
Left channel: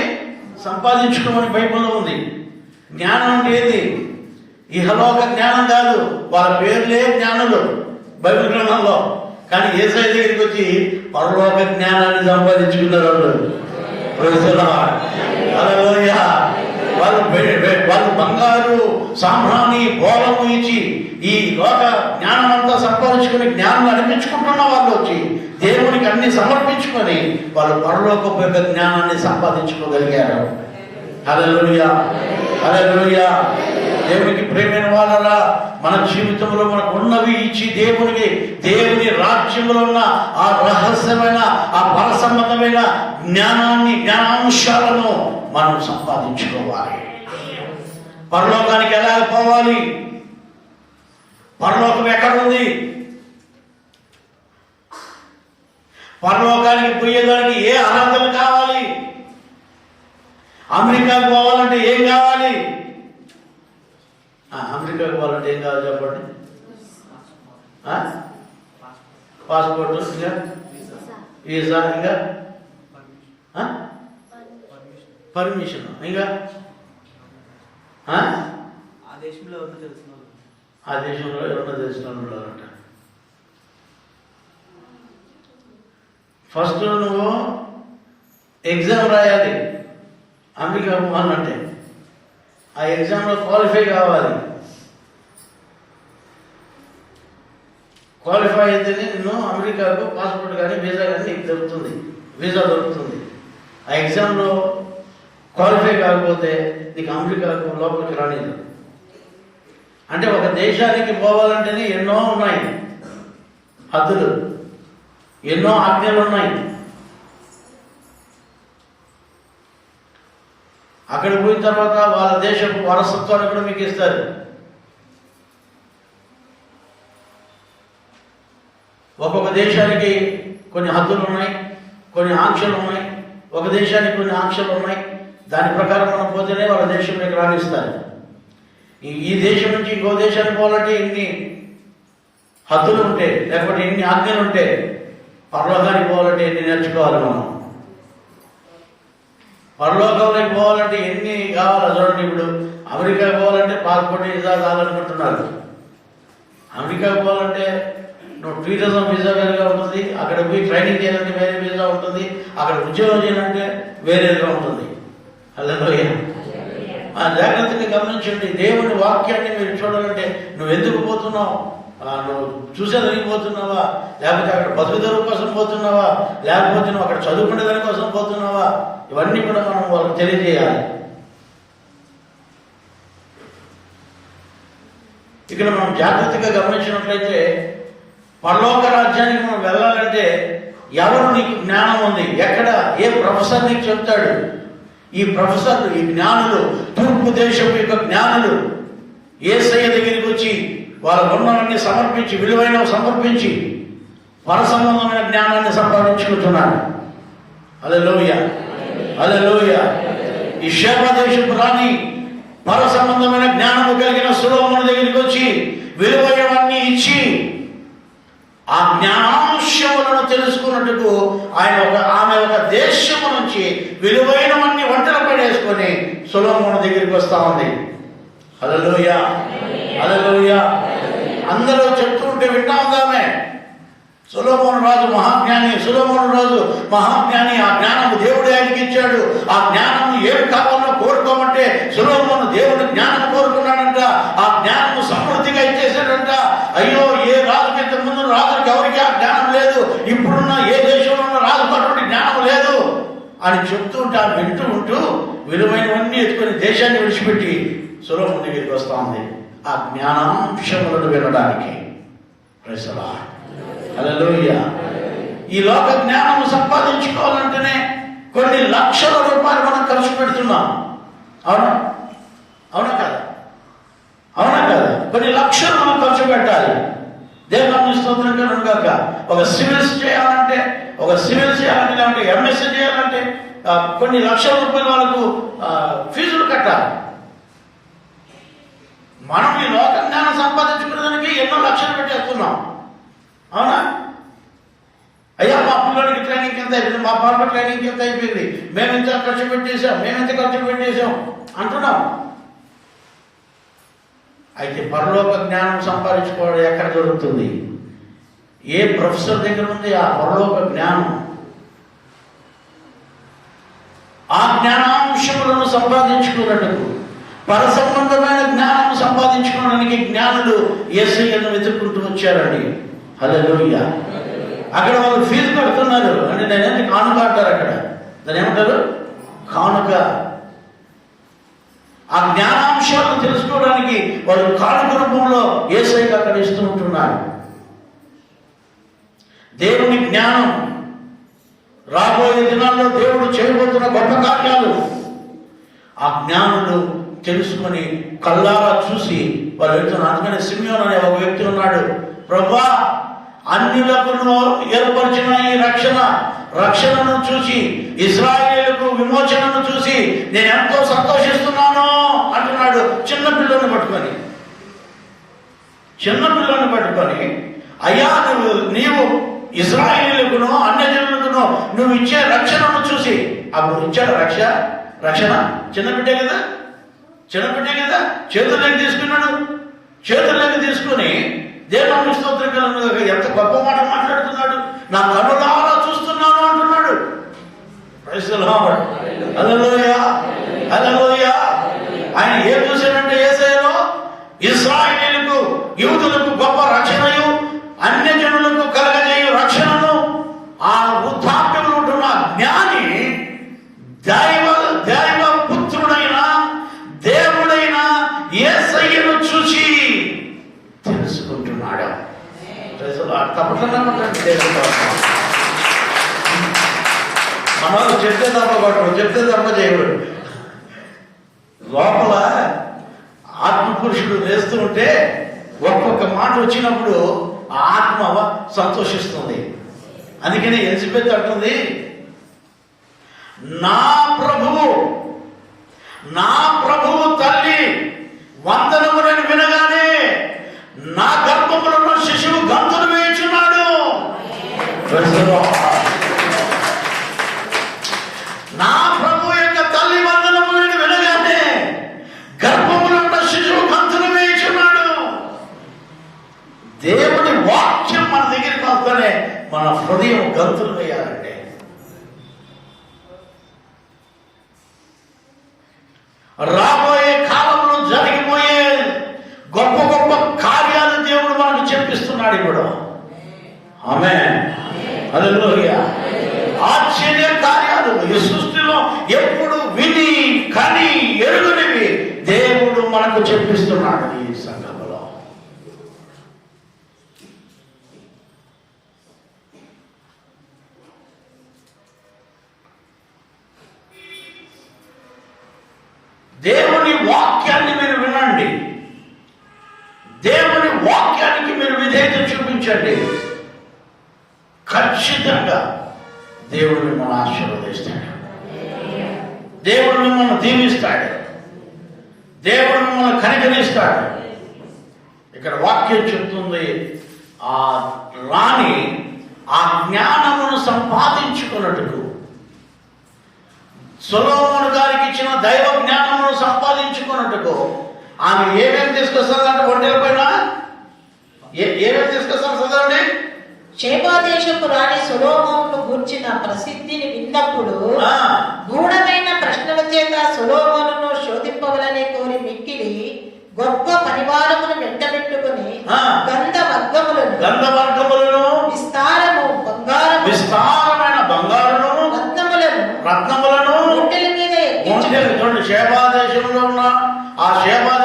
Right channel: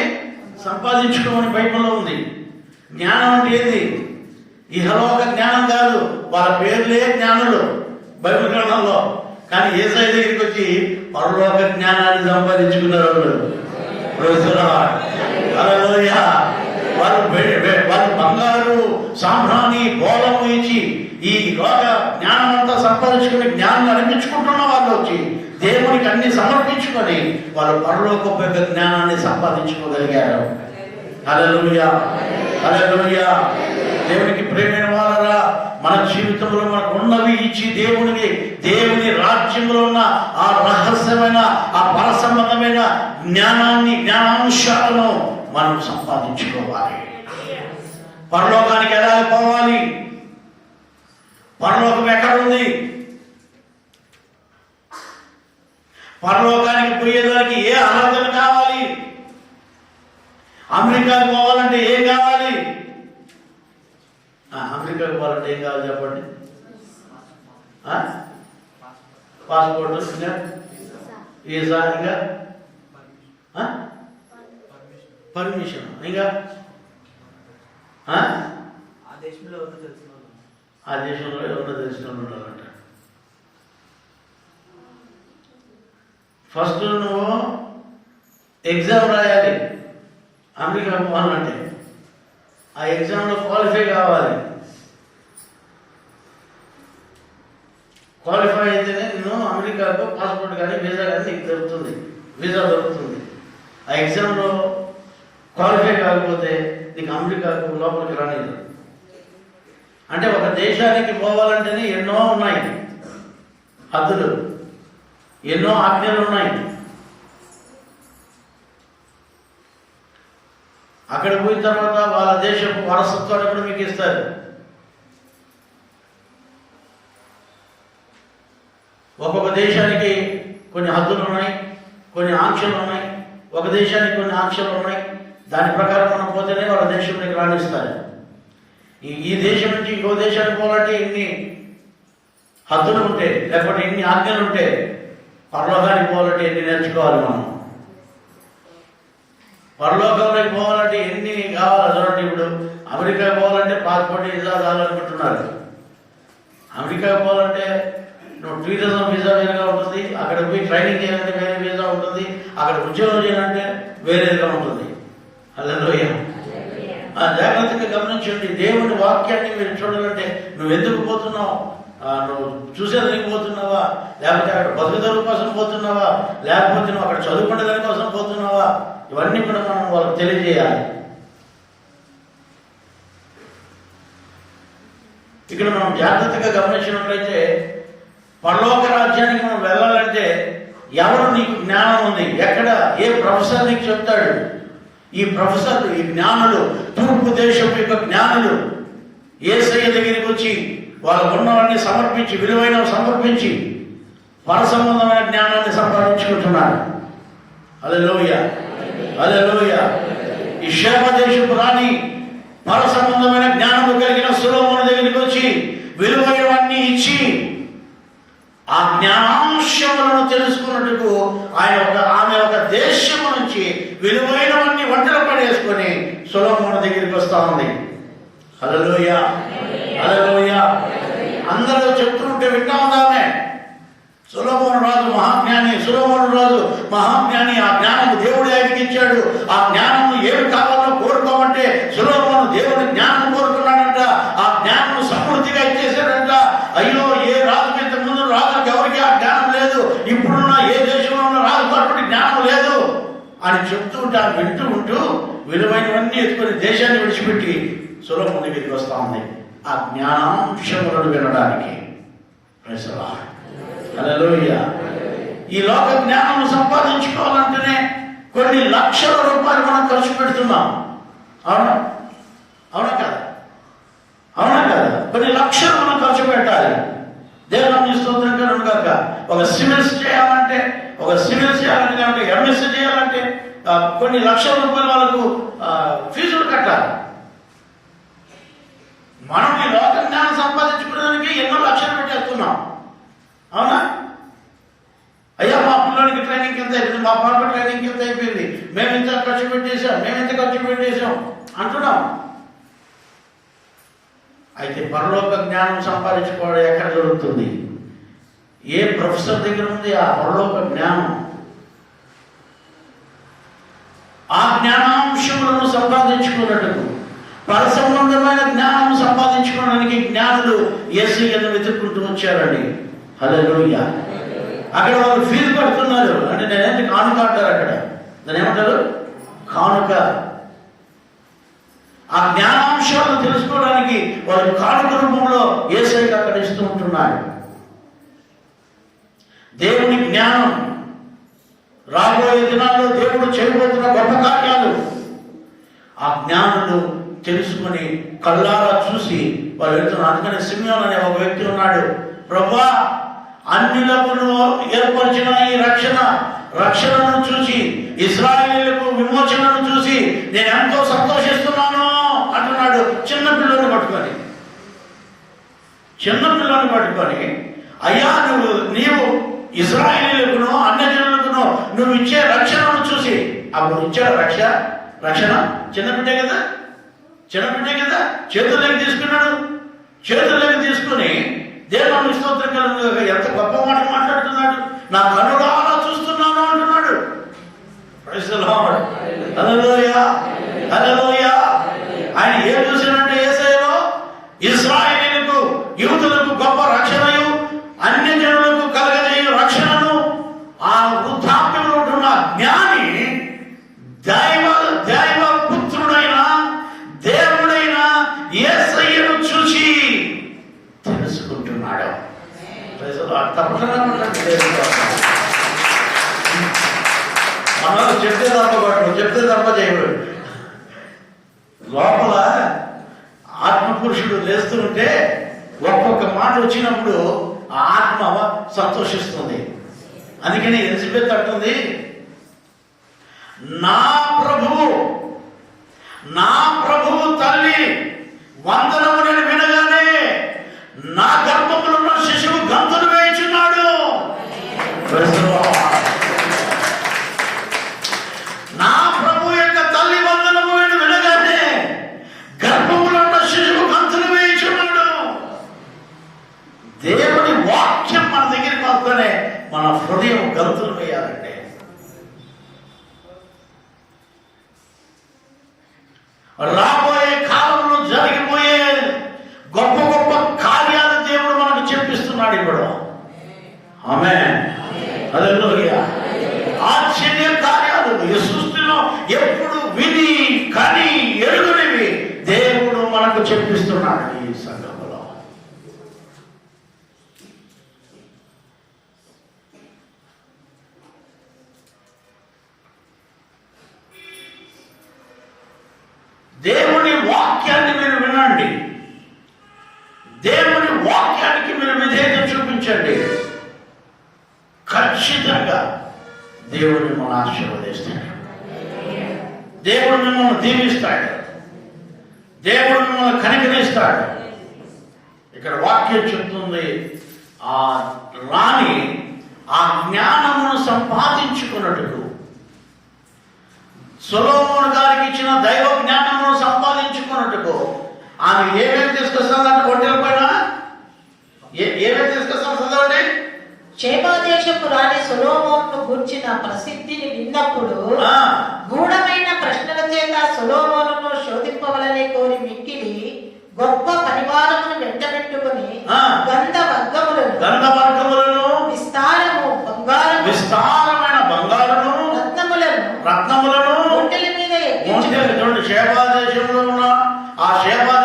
సంపాదించుకోమని బైబిల్లో ఉంది. జ్ఞానం అంటే ఏంది? ఇహలోక జ్ఞానం కాదు, వాళ్ళ పేర్లే జ్ఞానులు బైబిల్ గ్రంథంలో. కానీ యేసయ్య దగ్గరికి వచ్చి పరలోక జ్ఞానాన్ని సంపాదించుకున్నారు హల్లెలూయా. వాళ్ళు బంగారు సాంబ్రాణి బోళము ఇచ్చి ఈ లోక జ్ఞానం అంతా సంపాదించుకుని జ్ఞానం అనిపించుకుంటున్న వాళ్ళు వచ్చి దేవునికి అన్ని సమర్పించుకొని వాళ్ళు పరలోక జ్ఞానాన్ని సంపాదించుకోగలిగారు. హల్లెలూయా. హల్లెలూయా. దేవునికి ప్రేమైన వాళ్ళరా, మన జీవితంలో మనకు ఉన్నవి ఇచ్చి దేవుని రాజ్యంలో ఉన్న ఆ రహస్యమైన ఆ పరసంబంధమైన జ్ఞానాంశాలను మనం సంపాదించుకోవాలి. పరలోకానికి ఎలా పోవాలి? పరలోకం ఎక్కడుంది? పరలోకానికి పోయేదానికి ఏ అర్హతలు కావాలి? అమెరికాకు పోవాలంటే ఏం కావాలి? అమెరికాకు పోవాలంటే ఏం కావాలి చెప్పండి? పాస్పోర్ట్, ఇంకా వీసా, ఇంకా పర్మిషన్, ఇంకా ఆ దేశంలో ఎవరో తెలిసిన ఉంటారంట. ఫస్ట్ నువ్వు ఎగ్జామ్ రాయాలి. అమెరికా పోవాలంటే ఆ ఎగ్జామ్లో క్వాలిఫై కావాలి. క్వాలిఫై అయితేనే నిన్ను అమెరికాకు పాస్పోర్ట్ కానీ వీసా కానీ నీకు దొరుకుతుంది, వీసా దొరుకుతుంది. ఆ ఎగ్జామ్లో క్వాలిఫై కాకపోతే నీకు అమెరికాకు లోపలికి రాలేదు. అంటే ఒక దేశానికి పోవాలంటేనే ఎన్నో ఉన్నాయి హద్దులు, ఎన్నో ఆజ్ఞలు ఉన్నాయి. అక్కడ పోయిన తర్వాత వాళ్ళ దేశపు వారసత్వాన్ని కూడా మీకు ఇస్తారు. ఒక్కొక్క దేశానికి కొన్ని హద్దులు ఉన్నాయి, కొన్ని ఆంక్షలు ఉన్నాయి. ఒక దేశానికి కొన్ని ఆంక్షలు ఉన్నాయి. దాని ప్రకారం మనం పోతేనే వాళ్ళ దేశంలోకి రాణిస్తారు. ఈ దేశం నుంచి ఇంకో దేశానికి పోవాలంటే ఇన్ని హద్దులు ఉంటాయి, లేకపోతే ఇన్ని ఆజ్ఞలు ఉంటాయి. పరలోకానికి పోవాలంటే ఎన్ని నేర్చుకోవాలి మనం? పరలోకంలోకి పోవాలంటే ఎన్ని కావాలో చూడండి. ఇప్పుడు అమెరికా పోవాలంటే పాస్పోర్ట్ వీసా చాలనుకుంటున్నారు. అమెరికా పోవాలంటే నువ్వు టూరిజం వీసా వేరుగా ఉంటుంది, అక్కడ పోయి ట్రైనింగ్ చేయాలంటే వేరే వీసా ఉంటుంది, అక్కడ ఉద్యోగం చేయాలంటే వేరేగా ఉంటుంది. హల్లెలూయా. జాగ్రత్తగా గమనించండి. దేవుని వాక్యాన్ని మీరు చూడాలంటే నువ్వు ఎందుకు పోతున్నావు? నువ్వు చూసేదానికి పోతున్నావా, లేకపోతే అక్కడ బతుకుదల కోసం పోతున్నావా, లేకపోతే నువ్వు అక్కడ చదువుకునే దాని కోసం పోతున్నావా? ఇవన్నీ కూడా మనం వాళ్ళకి తెలియజేయాలి. ఇక్కడ మనం జాగ్రత్తగా గమనించినట్లయితే పరలోక రాజ్యానికి మనం వెళ్ళాలంటే ఎవరు నీకు జ్ఞానం ఉంది? ఎక్కడ ఏ ప్రొఫెసర్ నీకు చెప్తాడు? ఈ ప్రొఫెసర్లు, ఈ జ్ఞానులు, తూర్పు దేశం యొక్క జ్ఞానులు యేసయ్య దగ్గరికి వచ్చి వాళ్ళ ఉన్నవాన్ని సమర్పించి, విలువైనవి సమర్పించి పరసంబంధమైన జ్ఞానాన్ని సంపాదించుకుంటున్నారు. హల్లెలూయా. హల్లెలూయా. ఈ షేబాదేశపు రాణి పరసంబంధమైన జ్ఞానము కలిగిన సొలొమోను దగ్గరికి వచ్చి విలువైనవన్నీ ఇచ్చి ఆ జ్ఞానాంశములను తెలుసుకున్నట్టుకు ఆమె ఒక దేశము నుంచి విలువైనవన్నీ వంటలు పడేసుకొని సొలొమోను దగ్గరికి వస్తా ఉంది. హల్లెలూయా. హల్లెలూయా. అందరూ చెప్తుంటే వింటా ఉందామే. సొలొమోను రాజు మహాజ్ఞాని, సొలొమోను రాజు మహాజ్ఞాని. ఆ జ్ఞానము దేవుడు ఆయనకి ఇచ్చాడు. ఆ జ్ఞానము ఏమి కావాలో కోరుకోమంటే సొలొమోను దేవుడు జ్ఞానం కోరుకున్నాడంట. ఆ జ్ఞానము సమృద్ధిగా ఇచ్చేసాడంట. అయ్యో, ఏ రాజు ఇంత ముందు రాజుకి ఎవరికి ఆ జ్ఞానం లేదు, ఇప్పుడున్న ఏ దేశంలో ఉన్న రాజుకు అటువంటి జ్ఞానం లేదు అని చెప్తూ ఉంటే వింటూ ఉంటూ విలువైనవన్నీ ఎత్తుకొని దేశాన్ని విడిచిపెట్టి సొలొమోను దగ్గరికి వస్తా ఉంది ఆ జ్ఞానాంశములను వినడానికి. Praise the Lord. హల్లెలూయా. ఈ లోక జ్ఞానం సంపాదించుకోవాలంటేనే కొన్ని లక్షల రూపాయలు మనం ఖర్చు పెడుతున్నాం. అవునా? అవునా కదా? అవునా కదా? కొన్ని లక్షలు మనం ఖర్చు పెట్టాలి. దేవుని స్తోత్రం కనుక ఒక సివిల్స్ చేయాలంటే లేదంటే ఎంఎస్సీ చేయాలంటే కొన్ని లక్షల రూపాయలు వాళ్ళకు ఫీజులు కట్టాలి. మనం ఈ లోక జ్ఞానం సంపాదించుకోవడానికి ఎన్నో లక్షలు పెట్టేస్తున్నాం. అవునా? అయ్యా మా పిల్లలకి ట్రైనింగ్ ఎంత అయిపోయింది, మా పాప ట్రైనింగ్ ఎంత అయిపోయింది, మేము ఇంత ఖర్చు పెట్టేశాం అంటున్నాం. అయితే పరలోక జ్ఞానం సంపాదించుకోవడం ఎక్కడ దొరుకుతుంది? ఏ ప్రొఫెసర్ దగ్గర ఉంది ఆ పరలోక జ్ఞానం? ఆ జ్ఞానాంశములను సంపాదించుకున్నట్టుకు పరసంబంధమైన జ్ఞానం సంపాదించుకోవడానికి జ్ఞానులు యేసయ్యను వెతుక్కుంటూ వచ్చారండి. హల్లెలూయా. అక్కడ వాళ్ళు ఫీజు కడుతున్నారు. అంటే నేనేంటి కానుక అంటారు అక్కడ, దాని ఏమంటారు? కానుక. ఆ జ్ఞానాంశాలను తెలుసుకోవడానికి వాళ్ళు కానుక రూపంలో యేసయ్యకు అక్కడ ఇస్తూ ఉంటున్నారు. దేవుని జ్ఞానం, రాబోయే దినాల్లో దేవుడు చేయబోతున్న గొప్ప కార్యాలు ఆ జ్ఞానులు తెలుసుకొని కళ్ళారా చూసి వాళ్ళు వెళ్తున్నారు. అందుకని సిమియోను అనే ఒక వ్యక్తి ఉన్నాడు. ప్రభువా, అన్యులకు ఏర్పరిచిన ఈ రక్షణను చూసి, ఇశ్రాయేలుకు విమోచనను చూసి నేను ఎంతో సంతోషిస్తున్నాను అంటున్నాడు. చిన్న పిల్లని పట్టుకొని అయ్యా నీవు ఇశ్రాయేలుకును అన్యజనులకును నువ్వు ఇచ్చే రక్షణను చూసి, అప్పుడు ఇచ్చాడు రక్షణ చిన్నపిట్టే కదా చేతుల్లోకి తీసుకుని దేవుని స్తోత్రం కలుగునుగాక ఎంత గొప్ప మాట మాట్లాడుతున్నాడు. నా కనులారా చూస్తున్నాను అంటున్నాడు. Praise the Lord. Hallelujah. Hallelujah. ఆయన ఏం చూశాడంటే యేసయ్యలో ఇశ్రాయేలుకు యూదులకు గొప్ప రక్షణయు అన్యజనులకు కలగజేయు రక్షణను ఆ వృద్ధాప్యంలో ఉంటున్న జ్ఞాని దైవ పుత్రుడైన దేవుడైన యేసయ్యను చూసి తెలుసుకుంటున్నాడు. అమ్మలు చెప్తే తప్ప చేయడు. లోపల ఆత్మపురుషుడు లేస్తూ ఉంటే ఒక్కొక్క మాట వచ్చినప్పుడు ఆ ఆత్మ సంతోషిస్తుంది. అందుకని ఎలిజబెత్ అంటుంది, నా ప్రభువు తల్లి వందనము నేను వినగానే నా గర్భములో శిశువు గంతులు వేయుచున్నాడు. నా ప్రభు యొక్క తల్లి వందనము నేను వినగానే గర్భములో శిశువు గంతులు వేయుచున్నాడు. దేవుని వాక్యం మన దగ్గరికి వస్తేనే మన హృదయం గంతులు వేయాలంటే. రాబోయే కాలంలో జరిగిపోయే గొప్ప గొప్ప కార్యాలు దేవుడు మనకు చెప్పిస్తున్నాడు ఇప్పుడు. ఆమేన్. హల్లెలూయా. ఆశ్చర్య కార్యాలు ఈ సృష్టిలో ఎప్పుడు విని కని ఎరుగనివి దేవుడు మనకు చెప్పిస్తున్నాడు ఈ సంఘంలో. దేవుని వాక్యాన్ని మీరు వినండి. దేవుని వాక్యానికి మీరు విధేయత చూపించండి. ఖచ్చితంగా దేవుడు మిమ్మల్ని ఆశీర్వదిస్తాడు. దేవుడు మిమ్మల్ని దీవిస్తాడు. దేవుడు మిమ్మల్ని కనికరిస్తాడు. ఇక్కడ వాక్యం చెప్తుంది, ఆ రాణి ఆ జ్ఞానమును సంపాదించుకున్నట్టు సొలొమోను గారికి ఇచ్చిన దైవ జ్ఞానమును సంపాదించుకున్నట్టుకు ఆమె ఏమేమి తీసుకొస్తుందంటే ఒంటెల పైన ఏమేమి తీసుకొస్తాను చదవండి. షేబదేశపు రాణి సొలొమోనును గూర్చిన ప్రసిద్ధిని విన్నప్పుడు గూఢమైన ప్రశ్నల చేత సొలొమోనును శోధింపవలనే కోరి మిక్కిలి గొప్ప పరివారమును వెంటబెట్టుకుని గంధవర్గములను విస్తారమైన బంగారును రత్నములను ఒంటెల మీద షేబా దేశంలో ఉన్న ఆ షేబా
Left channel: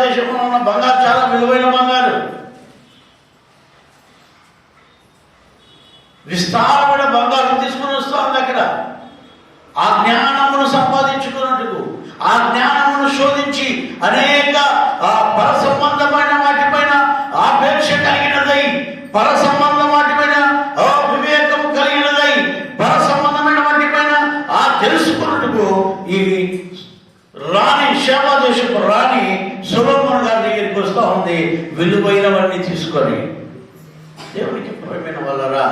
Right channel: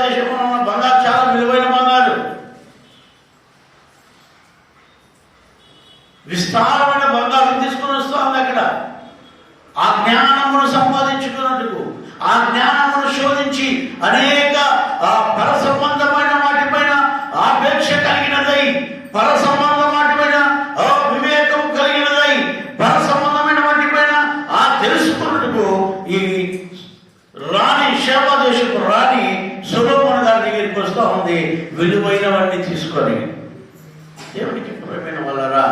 విస్తారమైన బంగారం తీసుకుని వస్తుంది అక్కడ. ఆ జ్ఞానమును సంపాదించుకున్నట్టుకు, ఆ జ్ఞానమును శోధించి అనేక పర సంబంధమైన వాటిపైన ఆపేక్ష కలిగినదై, పర సంబంధ వాటిపైన వివేకము కలిగినదై, పర సంబంధమైన వాటిపైన తెలుసుకున్నట్టుకు ఈ రాణి, షేబా దేశపు రాణి సొలొమోను గారి దగ్గరికి వస్తూ ఉంది, విలువైనవన్నీ తీసుకొని. దేవునికి ప్రియమైన వాళ్ళరా,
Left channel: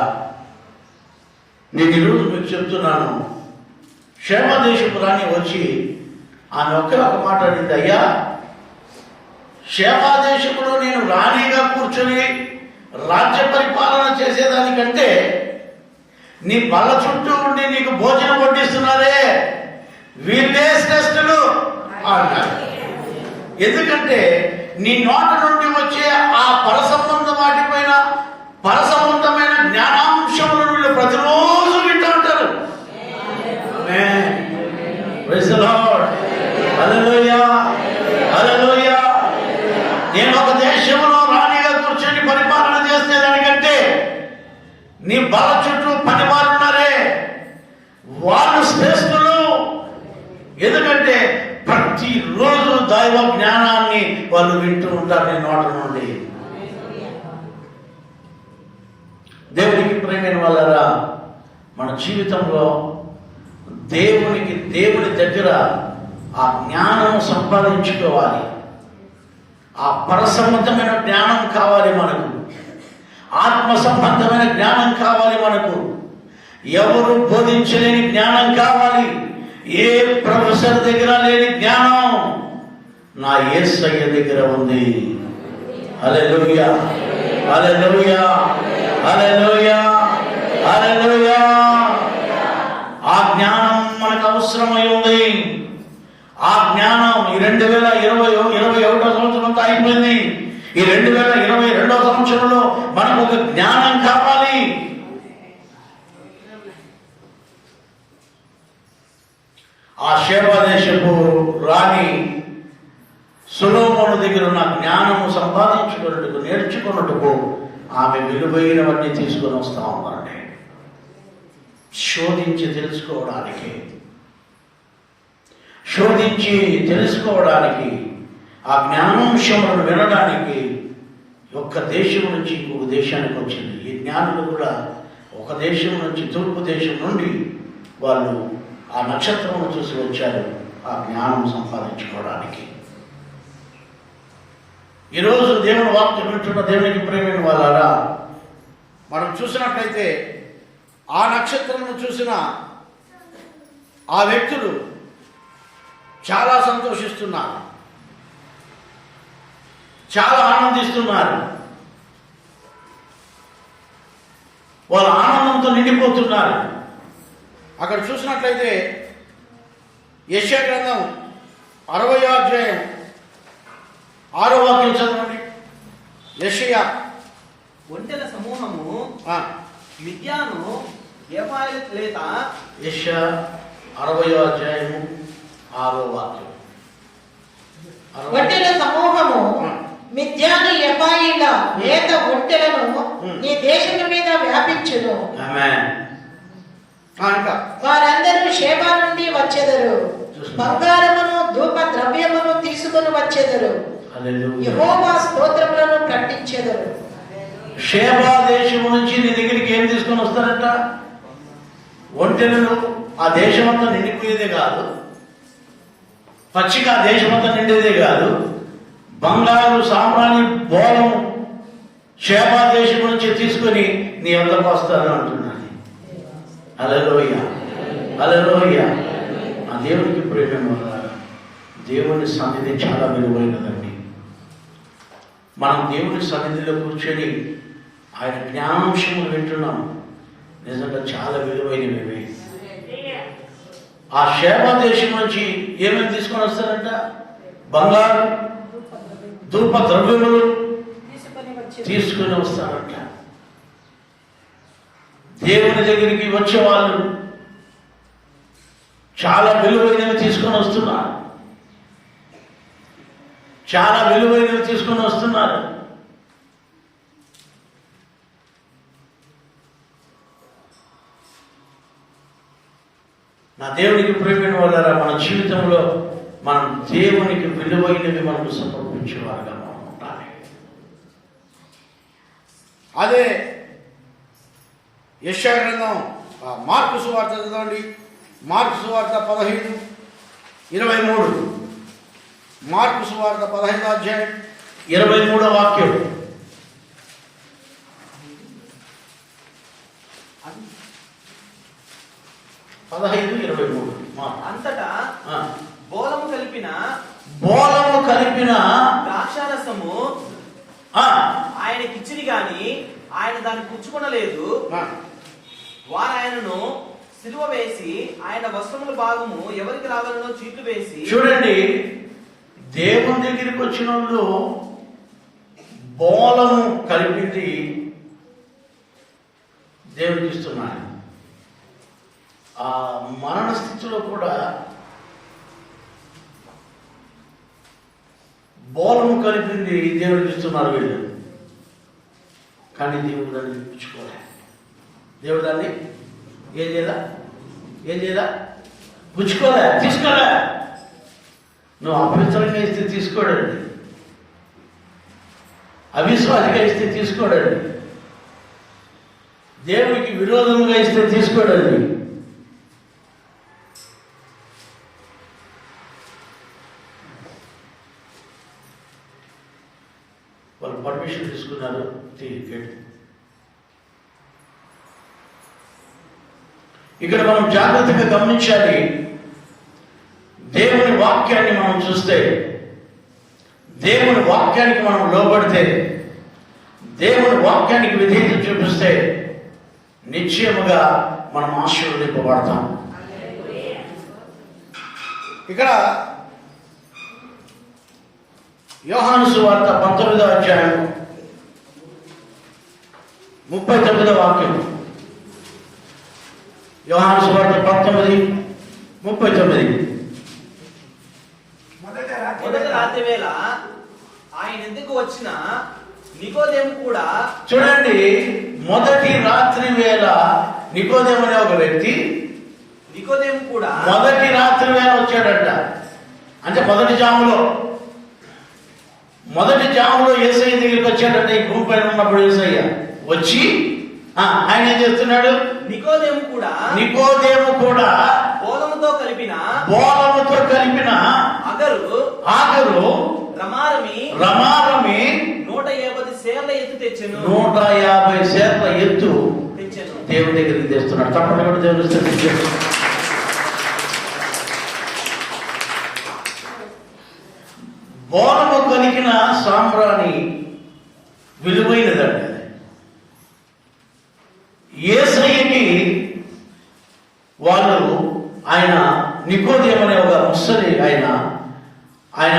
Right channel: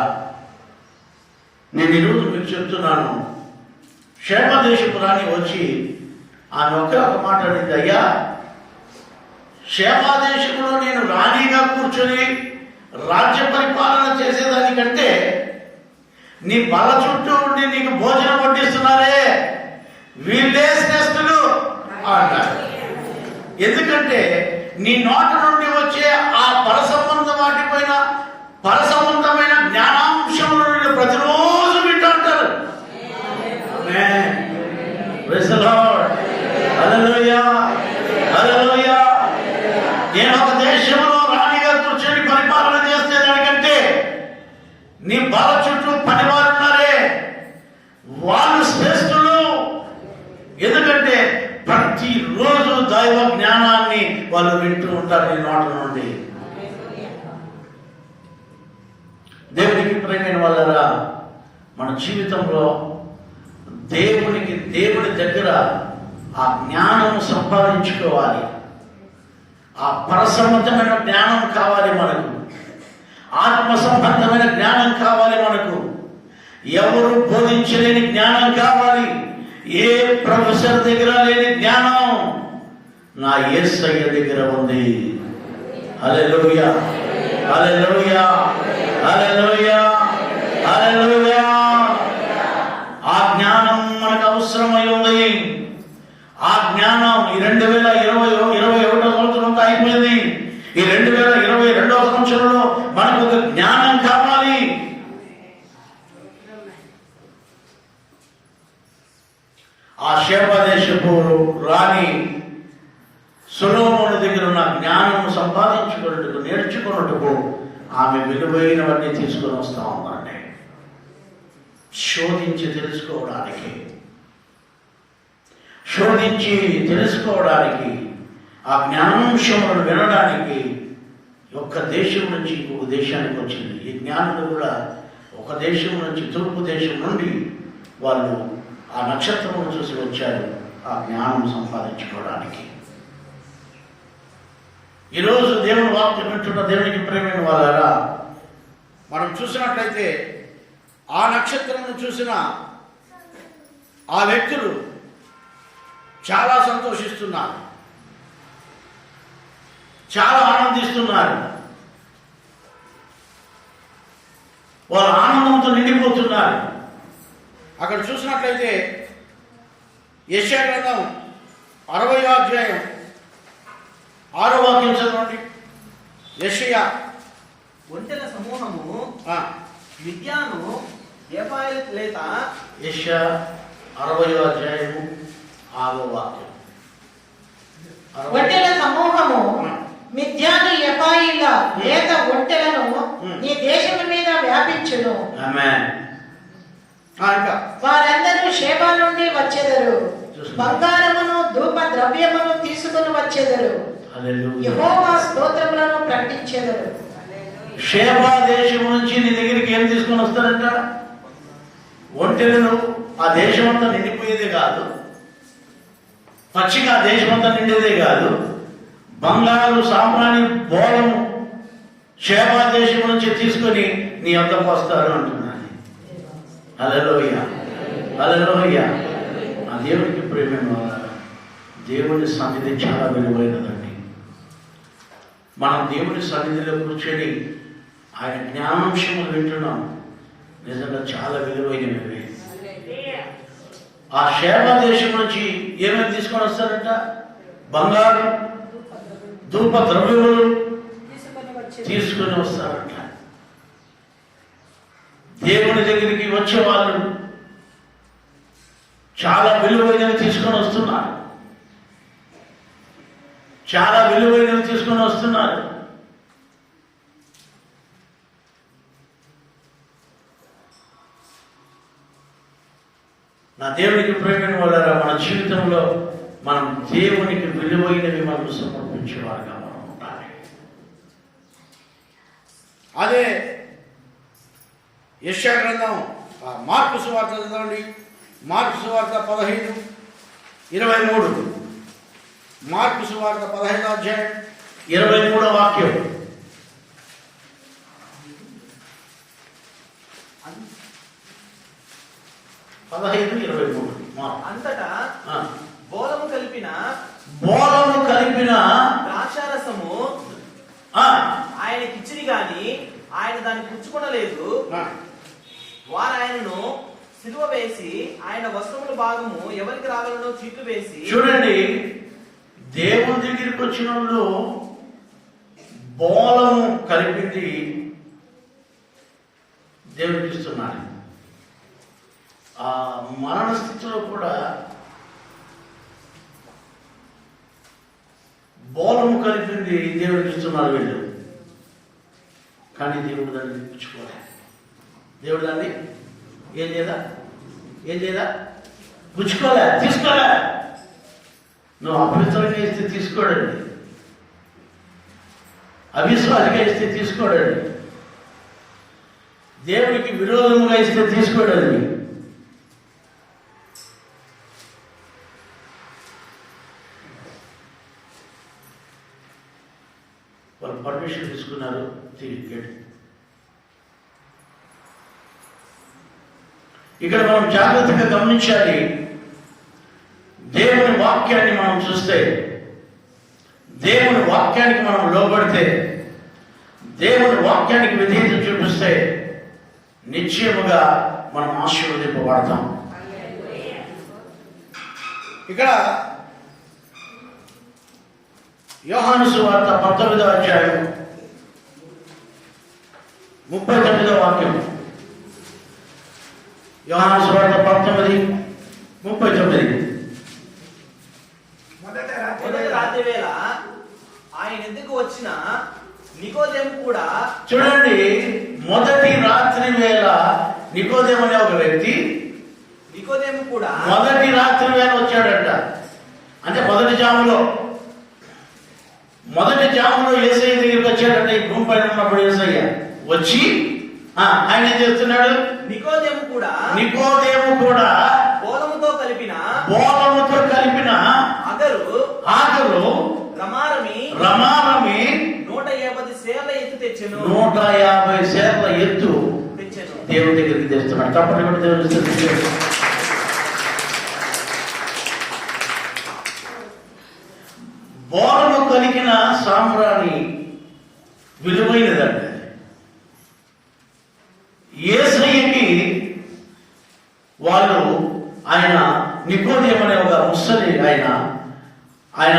నేను ఈరోజు మీకు చెప్తున్నాను, షేబా దేశపు రాణి వచ్చి ఆమె ఒక మాట అడిగింది, అయ్యా షేబా దేశంలో నేను రాణిగా కూర్చొని రాజ్య పరిపాలన చేసేదానికంటే నీ బల చుట్టూ ఉండి నీకు భోజనం వడ్డిస్తున్నారే, వీళ్ళే శ్రేష్ఠులు అన్నారు. ఎందుకంటే నీ నోట నుండి వచ్చే ఆ పరసంబంధ వాటిపైన, పరసంబంధమైన జ్ఞానాంశములను వీళ్ళు ప్రతిరోజు వింటూ ఉంటారు. నేను ఒక దేశంలో రాణిగా కూర్చొని పరిపాలన చేస్తే దానికంటే నీ బల చుట్టూ పనివారున్నారే, వాళ్ళు శ్రేష్ఠులు. ఎందుకంటే ప్రతిరోజు దైవ జ్ఞానాన్ని వాళ్ళు వింటూ ఉంటారు నీ నోట నుండి. దేవునికి ప్రియమైన వాళ్ళరా, మన జీవితంలో దేవుని దగ్గర ఆ జ్ఞానం సంపాదించుకోవాలి. ఆ పరసంబంధమైన జ్ఞానం కావాలి మనకు, ఆత్మ సంబంధమైన జ్ఞానం కావాలి మనకు. ఎవరు బోధించలేని జ్ఞానం కావాలి. ఏ ప్రొఫెసర్ దగ్గర లేని జ్ఞానం నా యేసయ్య దగ్గర ఉంది. హల్లెలూయా, హల్లెలూయా, హల్లెలూయా, హల్లెలూయా. ఆ జ్ఞానం మనకు అవసరమై ఉంది. ఆ జ్ఞానం ఈ 2021 సంవత్సరంతో అయిపోయింది. ఈ 2022 సంవత్సరంలో మనకు ఒక జ్ఞానం కావాలి. ఆ షేబా దేశపు రాణి సొలొమోను దగ్గర ఉన్న జ్ఞానము సంపాదించుకున్నట్టుకు, నేర్చుకున్నట్టుకు ఆమె విలువైనవన్నీ తీసుకొని వస్తా ఉందండి. శోధించి తెలుసుకోవడానికి, ఆ జ్ఞానాంశములను వినడానికి ఒక్క దేశం నుంచి ఇంకొక దేశానికి వచ్చింది. ఈ జ్ఞానులు కూడా ఒక దేశం నుంచి, తూర్పు దేశం నుండి వాళ్ళు ఆ నక్షత్రం చూసి వచ్చారు ఆ జ్ఞానం సంపాదించుకోవడానికి. ఈరోజు దేవుని వాక్యం వింటున్న దేవునికి ప్రియమైన వాళ్ళరా, మనం చూసినట్లయితే ఆ నక్షత్రమును చూసిన ఆ వ్యక్తులు చాలా సంతోషిస్తున్నారు, చాలా ఆనందిస్తున్నారు. వాళ్ళు ఆనందంతో నిండిపోతున్నారు. అక్కడ చూసినట్లయితే యెషయా గ్రంథం 60వ అధ్యాయం 6వ వాక్యం చదవండి. యెషయా ఒంటెల సమూహము మిద్యాను ఎఫాయిత్ లేక. యెషయా 60వ అధ్యాయము 6వ వాక్యం. ఒంటెల సమూహము మిద్యాను ఎఫాయిల లేత ఒంటెలను నీ దేశము మీద వ్యాపించును. ఆమేన్. వారందరూ షేబా నుండి వచ్చెదరు, బంగారమును ధూప ద్రవ్యమును తీసుకుని వచ్చెదరు, యెహోవా స్తోత్రములను ప్రకటించెదరు. షేబా దేశం నుంచి నీ దగ్గరికి ఏం తీసుకొని వస్తారంట? ఒంటెలను. ఆ దేశమంతా నిండిపోయేదే కాదు, పచ్చిగా దేశమంతా నిండేదే కాదు, బంగారు సామ్రాణి బోళం షేబా దేశం నుంచి తీసుకొని నీ వద్దకు వస్తారు అంటున్నాను. హల్లెలూయా, హల్లెలూయా. ఆ దేవునికి ప్రియమైన వాళ్ళారా, దేవుని సన్నిధి చాలా విలువైనదండి. మనం దేవుని సన్నిధిలో కూర్చొని ఆయన జ్ఞానాంశములు వింటున్నాం. నిజంగా చాలా విలువైనవి. ఆ షేబా దేశం నుంచి ఏమేమి తీసుకొని వస్తారంట? బంగారు, ధూప ద్రవ్యములు తీసుకుని వస్తారంట. దేవుని దగ్గరికి వచ్చేవాళ్ళు చాలా విలువైనవి తీసుకొని వస్తున్నారు, చాలా విలువైనవి తీసుకొని వస్తున్నారు. నా దేవునికి ప్రేమైన వాళ్ళరా, మన జీవితంలో మనం దేవునికి విలువైనవి మనకు సమర్పించేవారుగా మనం ఉండాలి. అదే యెషయా గ్రంథం మార్కు సువార్త చదవండి. మార్కు సువార్త 15:23. మార్కు సువార్త 15వ అధ్యాయం 23వ వాక్యం. అంతటా బోలము కలిపిన ద్రాక్షారసము ఆయనకిచ్చిరి గాని ఆయన దాన్ని పుచ్చుకొనలేదు. వారు ఆయనను సిలువ వేసి ఆయన వస్త్రముల భాగము ఎవరికి రావాలనో చీట్లు వేసి. చూడండి, దేవుని దగ్గరికి వచ్చిన వాళ్ళు బోలము కలిపింది దేవునికి ఇస్తున్నారు. ఆ మరణ స్థితిలో కూడా బోలము కలిపింది దేవునికి ఇస్తున్నారు వీళ్ళు. కానీ దేవుడు దాన్ని పుచ్చుకోలే. దేవుడు దాన్ని ఏం చేయదా పుచ్చుకోలే, తీసుకోలే. నువ్వు అపవిత్రంగా ఇస్తే తీసుకోడండి, అవిశ్వాసంగా ఇస్తే తీసుకోడండి, దేవునికి విరోధంగా ఇస్తే తీసుకోడండి. వాళ్ళు పర్మిషన్ తీసుకున్నారు, తీరికేడు. ఇక్కడ మనం జాగ్రత్తగా గమనించాలి. దేవుని వాక్యాన్ని మనం చూస్తే, దేవుని వాక్యానికి మనం లోబడితే, దేవుని వాక్యానికి విధేయత చూపిస్తే నిశ్చయముగా మనం ఆశీర్వదింపబడతాం. ఇక్కడ యోహాను సువార్త 19వ అధ్యాయం 39వ వాక్యం. యోహాను సువార్త 19:39. మొదట రాత్రి వేళ ఆయన ఎందుకు వచ్చిన నికోదేము కూడా. చూడండి, మొదటి రాత్రి వేళ నికోదేము అనే ఒక వ్యక్తి నికోదేము కూడా మొదటి రాత్రి వేళ వచ్చాడంట. అంటే మొదటి జాములో యేసయ్య దగ్గరికి వచ్చాడంటే, ఈ భూమి పైన ఉన్నప్పుడు యేసయ్య వచ్చి ఆయన ఏం చేస్తున్నాడు? నికోదేము కూడా బోలముతో కలిపిన ఆగరు రమారమి 150 సేర్ల ఎత్తు తెచ్చెను. 150 సేర్ల ఎత్తు దేవుడి దగ్గరికి తెస్తున్నాడు. తప్పని కూడా దేవుని బోలము కలిగిన సాంబ్రాణి విలువైనదండి. యేసయ్యకి వాళ్ళు ఆయన నికోదేము అనే ఒక ముసలి ఆయన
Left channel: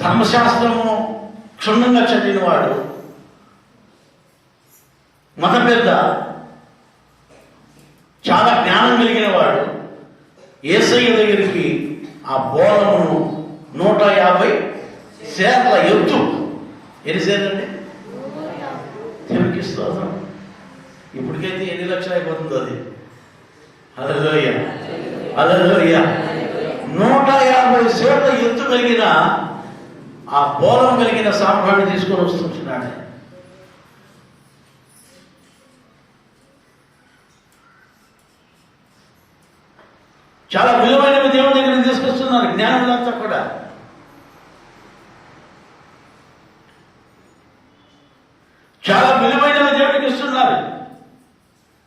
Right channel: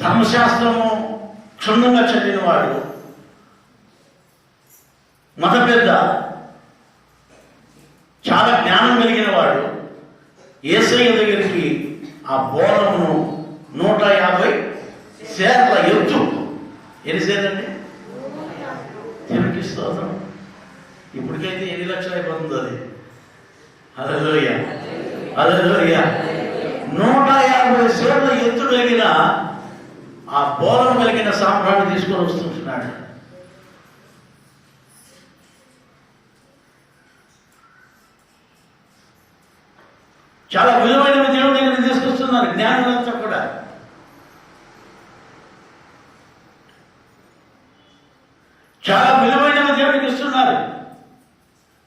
ధర్మశాస్త్రము క్షుణ్ణంగా చదివినవాడు, మత పెద్ద, చాలా జ్ఞానం కలిగిన వాడు. యేసయ్య దగ్గరికి ఆ బోలమును 150 సేర్ల ఎత్తు. ఎన్ని సేర్లండి? దేవునికి స్తోత్రం. ఇప్పటికైతే ఎన్ని లక్షలు అయిపోతుంది అది. హల్లెలూయా, హల్లెలూయా. 150 సేర్ల ఎత్తు కలిగిన ఆ బోలం కలిగిన సాంబ్రాన్ని తీసుకొని వస్తుంటున్నాడు. చాలా విలువైనవి దేవుడి దగ్గర తీసుకొస్తున్నారు జ్ఞానులంతా కూడా. చాలా విలువైనవి దేవుడికి ఇస్తున్నారు.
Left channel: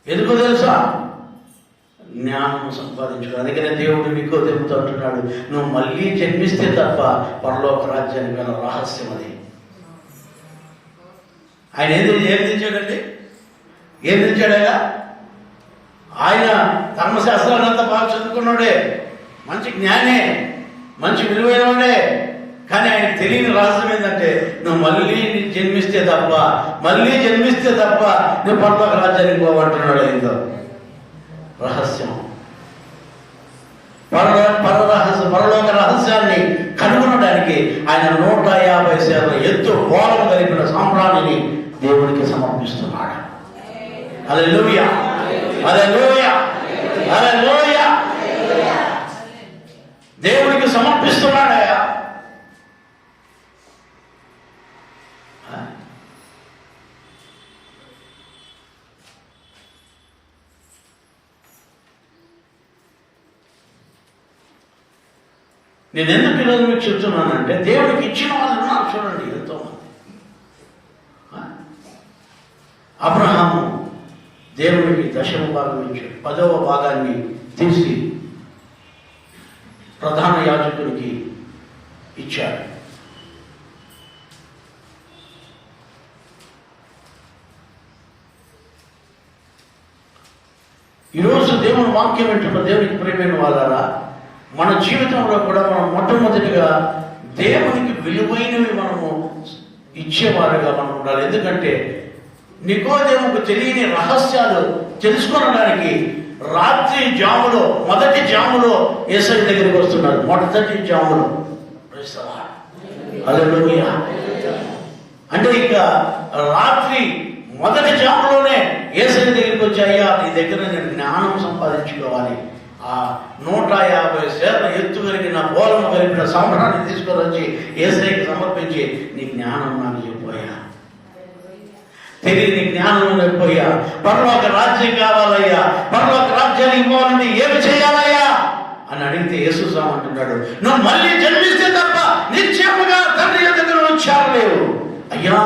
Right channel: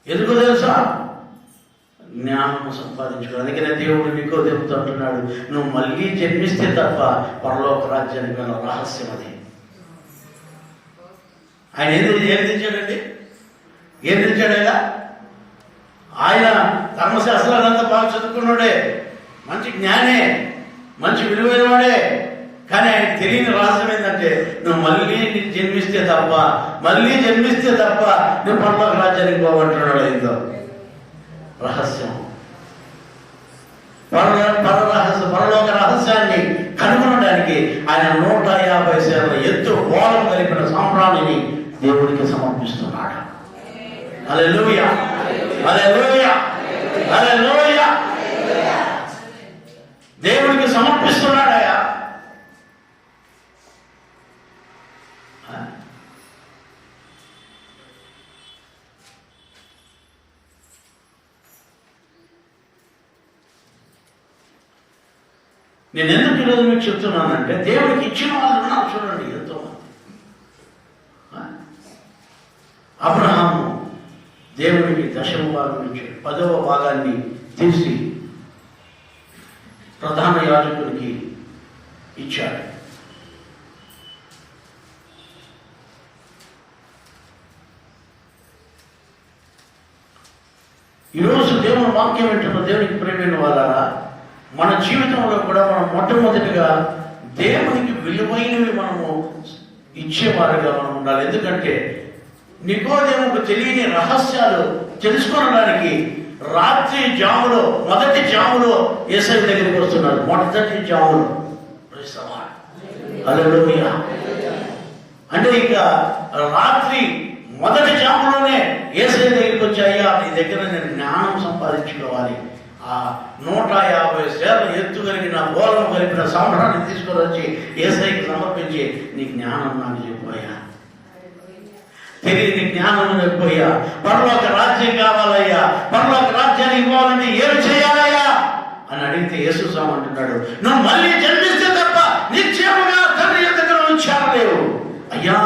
ఎందుకో తెలుసా? జ్ఞానము సంపాదించుకున్నాడు. అందుకనే దేవుడు నికోదేముతో అంటున్నాడు, నువ్వు మళ్ళీ జన్మిస్తే తప్ప పరలోక రాజ్యానికి గల రహస్యం అది. ఆయన ఏం తెచ్చాడండి? ఏం తెచ్చాడేగా? ఆయన ధర్మశాస్త్రాలంతా బాగా చదువుకున్నాడే, మంచి జ్ఞానే, మంచి విలువైనవాడే. కానీ ఆయనకు తెలియని రహస్యం ఏంటంటే, నువ్వు మళ్ళీ జన్మిస్తే తప్ప నువ్వు పరలోక రాజ్యానికి పోమంటున్నాడు. ఏందో రహస్యం, పరలోక రహస్యాన్ని కనుగొనడానికి ఆయన 150 సేర్ల ఎత్తు బోలం కలిపిన సాంబ్రాణిని దేవుడికి సమర్పిస్తున్నాడు. హల్లెలూయా, హల్లెలూయా. హల్లెలూయా. దేవునికి సమర్పిస్తున్నాడయా. నేను ఎందుకు ఈరోజు మీకు చెప్తున్నానంటే దేవుడికి ఇచ్చిన వాళ్ళు ఉన్నారు చూడండి ఎంతో మంది. అబ్రహాము దేవుడికి 10వ భాగం నుంచి 10వ భాగాన్ని తీసి ప్రధాన యాజకుడికి ఇచ్చాడు. ఈరోజు దేవుని వాక్యం ఏంటంటే దేవునికి ప్రేమైన వాళ్ళారా, మన జీవితంలో కూడా మనం మొట్టమొదటిగా దేవునికి విలువైనవి మనము ఇచ్చేవారుగా మనం ఉండాలి. ఎందుకంటే నికోదేముకు తెలియని రహస్యాలు తెలుసుకోవడానికి రాత్రి జాములో మొదటి జాములో యేసయ్య దగ్గరికి వస్తున్నారు. మొదటి జాములో హల్లెలూయా. అంటే ఇక రాత్రి మొదటి జాములోనే యేసయ్య దగ్గరికి వచ్చి, అయ్యా నీ దగ్గర నేను జ్ఞానం సంపాదించుకోవాలి, ఆ 150 సేర్ల ఎత్తు కలిగిన బోలను కలిపిన సాంబ్రాన్ని తీసుకొని వచ్చి యేసయ్యకి సమర్పించి, నీ జ్ఞానం నాకు చెప్పాయా, తెలియని జ్ఞానం లేకపోయా, పరలోక రాజ్యం కావాలయ్యా, పరలోక రాజ్యాన్ని ఇవ్వాలంటే ఏమి చేయాలయ్యా అని అడిగితే యేసు స్వామి అంటున్నాడు, నువ్వు మళ్ళీ జన్మిస్తే తప్ప నిశ్చయముగా తండ్రి ఎదుట నువ్వు చేరలేవు. అయ్యా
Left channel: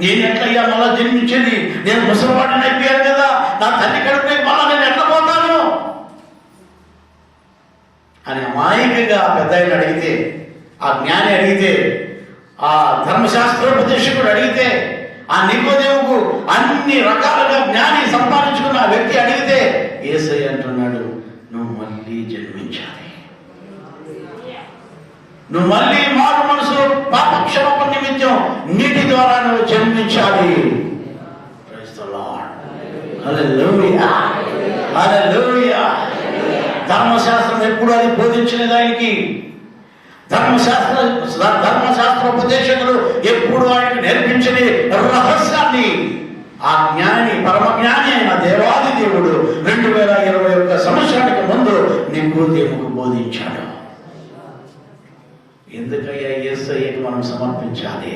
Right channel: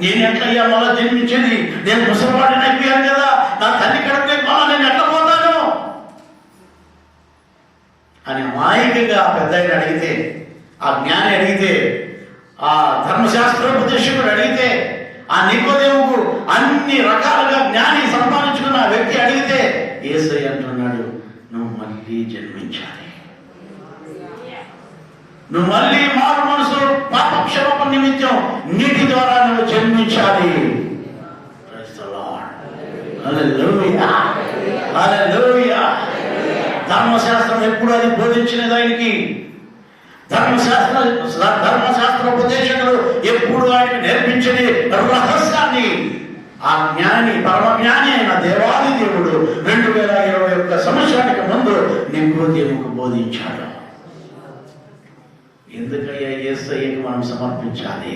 నేను ఎట్లయ్యా మళ్ళా జన్మించేది, నేను ముసలివాడిని అయిపోయాను కదా, నా తల్లి కడుపునే మళ్ళా నేను ఎట్లా పోతాను అని అమాయకంగా పెద్ద అడిగితే, ఆ జ్ఞాని అడిగితే, ఆ ధర్మశాస్త్రోపదేశకుడు అడిగితే, ఆ నికోదేముకు అన్ని రకాలుగా జ్ఞాని సంపాదించుకున్న ఆ వ్యక్తి అడిగితే యేసయ్య అంటున్నాడు, నువ్వు మళ్ళీ జన్మించాలి, నువ్వు మళ్ళీ మారు మనసులో పాపక్షమాపణ నిమిత్తం నీటి ద్వారా నువ్వు జన్మించాలి. Praise the Lord. Hallelujah. Hallelujah. ధర్మశాస్త్రం ఎప్పుడు అది బోధించినది ఆయనకి, ధర్మశాస్త్రోపదేశకులు ఎప్పుడు ఆయనకు నేర్పించిన రహస్యాన్ని ఆ జ్ఞాని, పరమ జ్ఞాని అయిన దేవాది దేవుడు 2021 సంవత్సరానికి ముందు నికోదేముకు బోధించాడు. ఎందుకయ్యా యేసయ్యకు మనం సమర్పించాలి?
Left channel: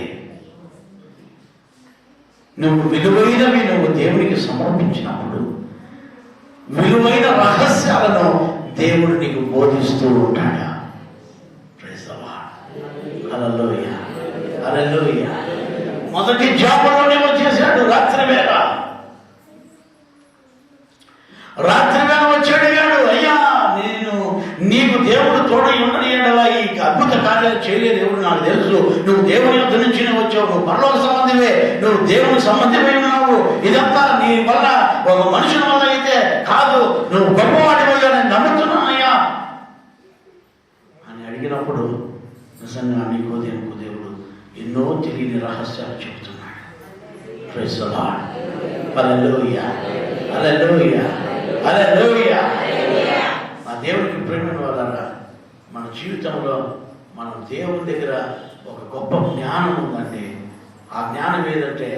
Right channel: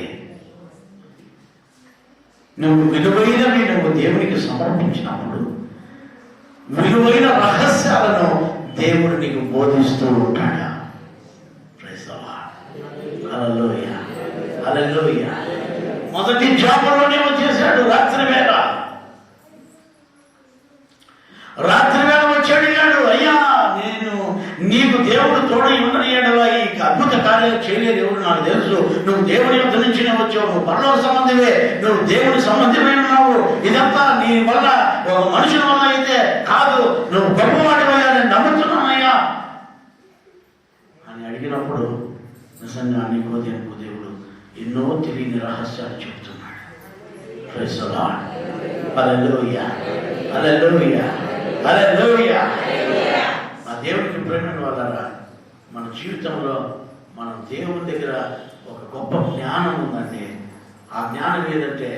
నువ్వు విలువైనవి నువ్వు దేవునికి సమర్పించినప్పుడు విలువైన రహస్యాలను దేవుడు నీకు బోధిస్తూ ఉంటాడు. హల్లెలూయా. హల్లెలూయా. మొదటి జాములోనే వచ్చేసాడు. రాత్రి వేళ వచ్చాడు. అయ్యా నేను నీకు దేవుడు తోడై ఉండనియడవా, ఈ అద్భుత కార్యాలు చేయలేదు ఎవరు నాకు తెలుసు, నువ్వు దేవుని యొద్ద నుంచినే వచ్చావు, నువ్వు పరలోక సంబంధివే, నువ్వు దేవుని సంబంధివై ఉన్నావు, ఇదంతా నీ వల్ల ఒక మనుషుల వల్ల అయితే కాదు, నువ్వు గొప్పవాడివయ్యా, నేను నమ్ముతున్నానయ్యా అని అడిగినప్పుడు నిజంగా నికోదేముకు దేవుడు ఎన్నో తెలియని రహస్యాలు చెబుతున్నాడు. Praise the Lord. Hallelujah. Hallelujah. Hallelujah. నా దేవునికి ప్రేమ వల్ల మన జీవితంలో మనం దేవుని దగ్గర ఒక గొప్ప జ్ఞానం ఉందండి. ఆ జ్ఞానం ఏదంటే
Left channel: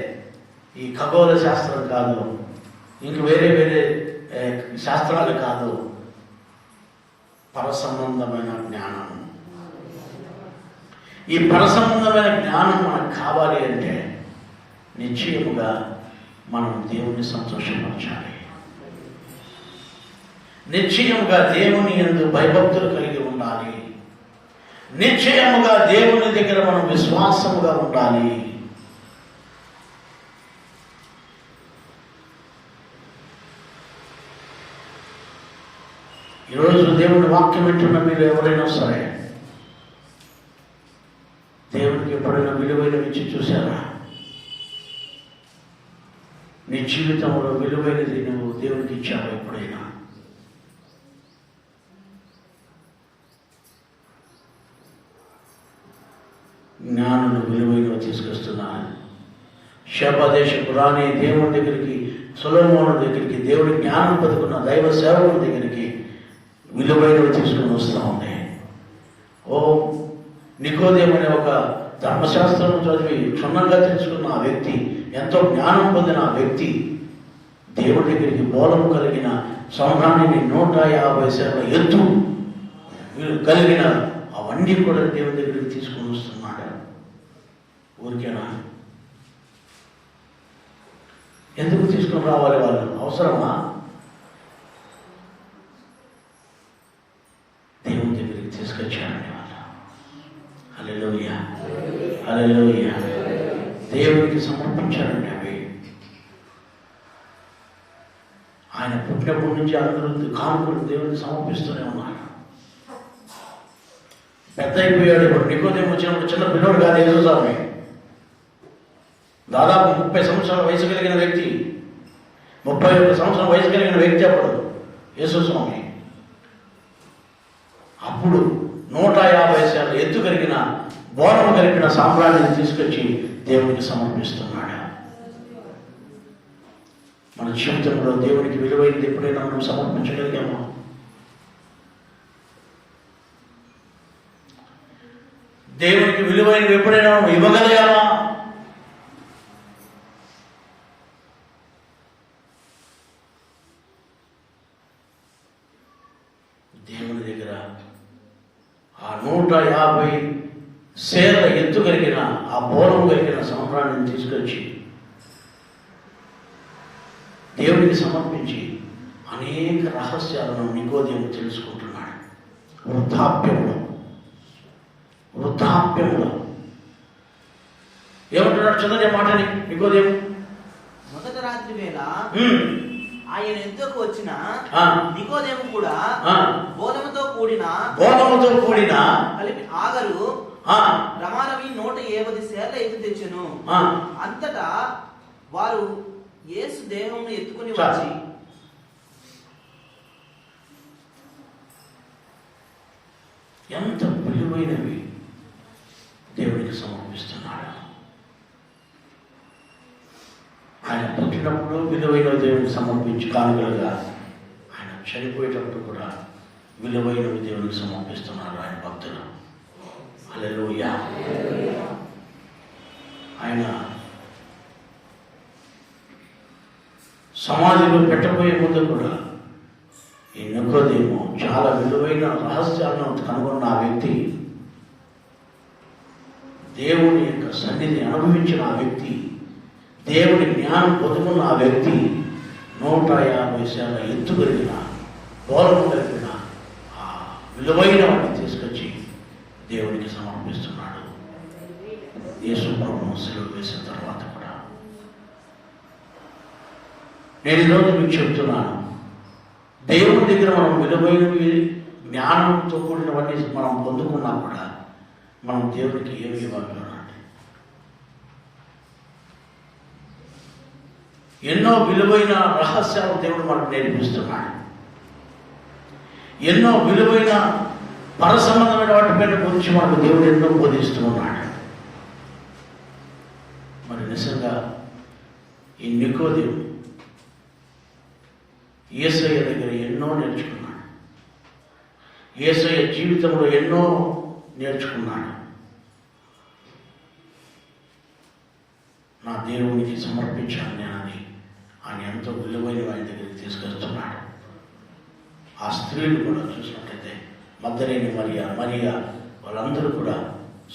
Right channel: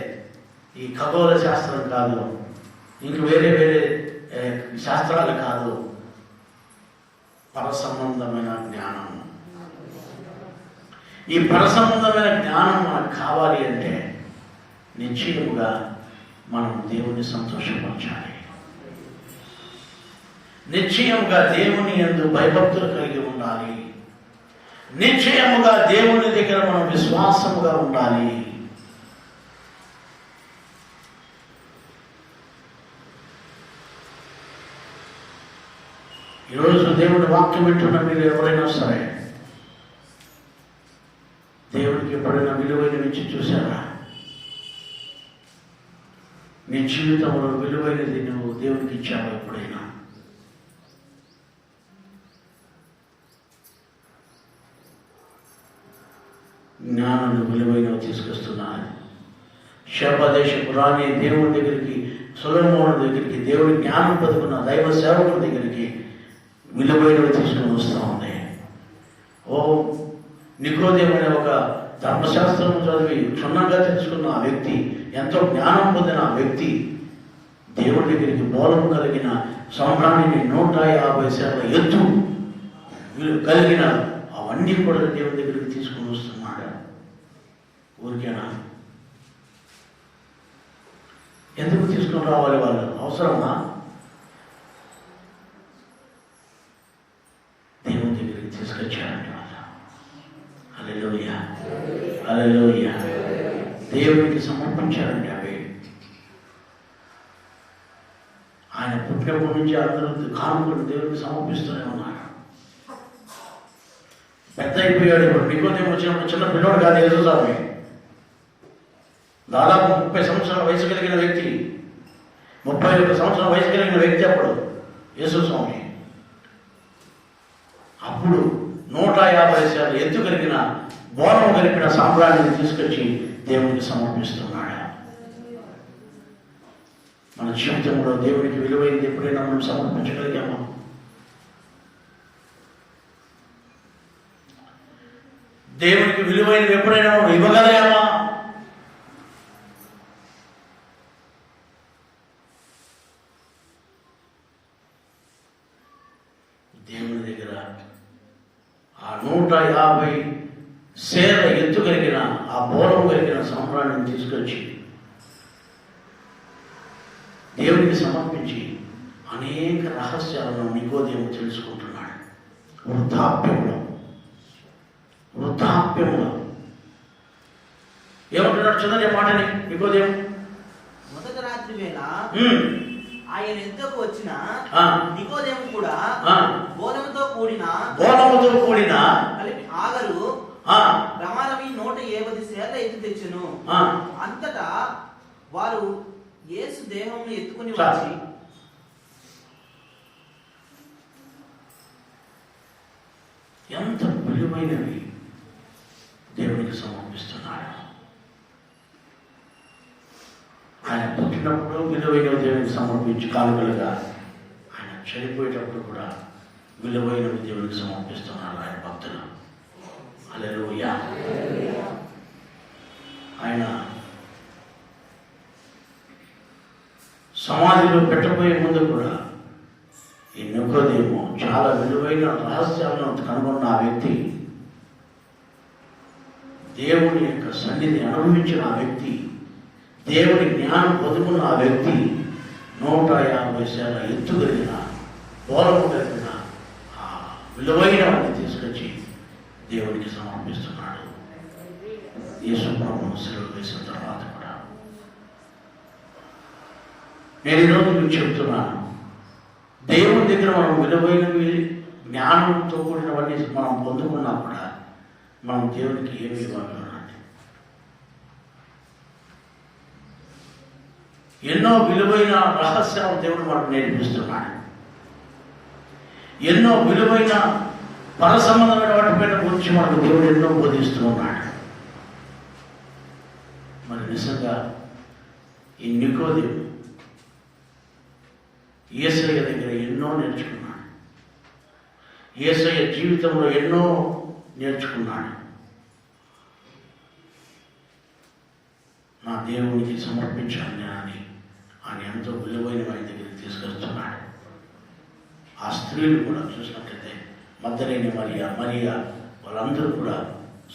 ఈ ఖగోళ శాస్త్రం కాదు, ఇంక వేరే వేరే శాస్త్రాలు కాదు, పరసంబంధమైన జ్ఞానం. ఈ పరసంబంధమైన జ్ఞానం మనకు కావాలి అంటే నిశ్చయముగా మనం దేవుని సంతోషపరచాలి. నిశ్చయముగా దేవుని యందు భయభక్తులు కలిగి ఉండాలి. నిశ్చయముగా దేవుని దగ్గర మనం విశ్వాసముగా ఉండాలి. ఈరోజు దేవుని వాక్యం వింటున్న మీరు ఎవరైనా సరే దేవునికి ఎప్పుడైనా విలువైన ఇచ్చి చూసారా? నీ జీవితంలో విలువైనది నువ్వు దేవునికి ఇచ్చావు ఎప్పుడైనా? జ్ఞానులు విలువైనవి తీసుకొస్తున్నారు. శపదేశపు రాణి దేవుని దగ్గరికి, సొలొమోను దగ్గరికి, దేవుడి జ్ఞానం పొందుకున్న దైవ సేవకుల దగ్గరికి విలువైనవి తీసుకుని వస్తూ ఉంది. ఓ నికోదేము అనే ఒక ధర్మశాస్త్రం చదివి క్షుణ్ణంగా తెలుసుకున్న ఆ వ్యక్తి, ఎంతో జ్ఞానం పొందిన ఆ వ్యక్తి దేవుడి దగ్గరికి బోధము కలిగిన సంవత్సరానికి 150 సేవల ఎత్తు వీళ్ళు కలిగిన అవన్నీ కూడా దేవుని దగ్గరికి తీసుకుని వస్తున్నాడు. ఊరికేనా? ఎందుకు తీసుకుని రావాలి? వాళ్ళు అవసరమా? దేవుని దగ్గరికి తీసుకొచ్చారండి వాళ్ళు. హల్లెలూయా, హల్లెలూయా. దేవునికి సమర్పించారండి అవి. ఆయన పుట్టినప్పటి నుంచి అందరూ కానుకలు దేవునికి సమర్పిస్తూనే ఉన్నారు. పెద్ద అయిపోయాడు. ఇప్పుడు నికోదేము వచ్చినప్పుడు చిన్న పిల్లవాడు కాదు యేసుస్వామి. దాదాపు 30 సంవత్సరాల వయసు కలిగిన వ్యక్తి, 31 సంవత్సరాల వయసు కలిగిన వ్యక్తి అప్పుడు యేసుస్వామి. అప్పుడు 150 శాతం ఎత్తు కలిగిన బోనం కలిగిన సామ్రాజ్యాన్ని తీసుకొచ్చి దేవునికి సమర్పిస్తున్నాడు. మన జీవితంలో దేవునికి విలువైనది ఎప్పుడైనా మనం సమర్పించగలిగామా? దేవునికి విలువైనది ఎప్పుడైనా మనం ఇవ్వగలిగామా? దేవుని దగ్గర ఆ 150 సేల ఎత్తు కలిగిన ఆ బోనం కలిగిన సంవత్సరాన్ని తీసుకొచ్చి దేవునికి సమర్పించి అనేక రహస్యాలను నికోదేము తెలుసుకుంటున్నాడు. వృద్ధాప్యంలో ఏమంటున్నాడు? చంద్ర మాటని నికోదేము. మొదటి రాత్రి వేళ ఆయన ఎంతకు వచ్చిన నికోదేము కూడా బోధముతో కూడిన కలిపి ఆగరు ప్రమాణమి 150 సేల ఎత్తు తెచ్చెను. అంతటా వారు యేసు దేహంను ఎత్తుకుని వచ్చి ఎంత విలువైనవి దేవునికి సమర్పిస్తున్నాడు. ఆయన పుట్టినప్పుడు విలువైన దేవునికి సమర్పించి కానుకలుగా, ఆయన చనిపోయేటప్పుడు కూడా విలువైనవి దేవునికి సమర్పిస్తున్నారు ఆయన భక్తులు. హల్లెలూయా. ఆయన సమాధిలో పెట్టబోయే ముందు కూడా ఈ నికోదేము చాలా విలువైన రహస్యాలను కనుగొన్న ఆ వ్యక్తి, దేవుని యొక్క సన్నిధిని అనుభవించిన ఆ వ్యక్తి, దేవుని జ్ఞానం పొందుకున్న ఆ వ్యక్తి 150 శాల ఎత్తు కలిగిన బోధము కలిగిన ఆ విలువైన వాటిని తీసుకొచ్చి దేవునికి సమర్పిస్తున్నాడు. యేసు ప్రభువును సిలువ వేసిన తర్వాత కూడా నేను ఈరోజు మీకు చెప్తున్నాను, దేవుని దగ్గర మనం విలువైనవి జ్ఞానంతో కూడినవన్నీ మనం పొందుకున్నా కూడా మనం దేవునికి ఏమి ఇవ్వాలన్నాడు? ఎన్నో విలువైన రహస్యాలు దేవుడు మనకు నేర్పిస్తున్నాడు. ఎన్నో విలువైన పరసంబంధమైన వాటిపైన గురించి మనకు దేవుడు ఎన్నో బోధిస్తూ ఉన్నాడు. మరి నిజంగా ఈ నికోదేము యేసయ్య దగ్గర ఎన్నో నేర్చుకున్నాడు. యేసయ్య జీవితంలో ఎన్నో నేర్చుకున్నాడు. నా దేవునికి సమర్పించాను నేనని ఆయన ఎంతో విలువైన ఆయన దగ్గరికి తీసుకొస్తున్నాడు. ఆ స్త్రీలు కూడా చూసినట్లయితే మగ్దలేని మరియా వాళ్ళందరూ కూడా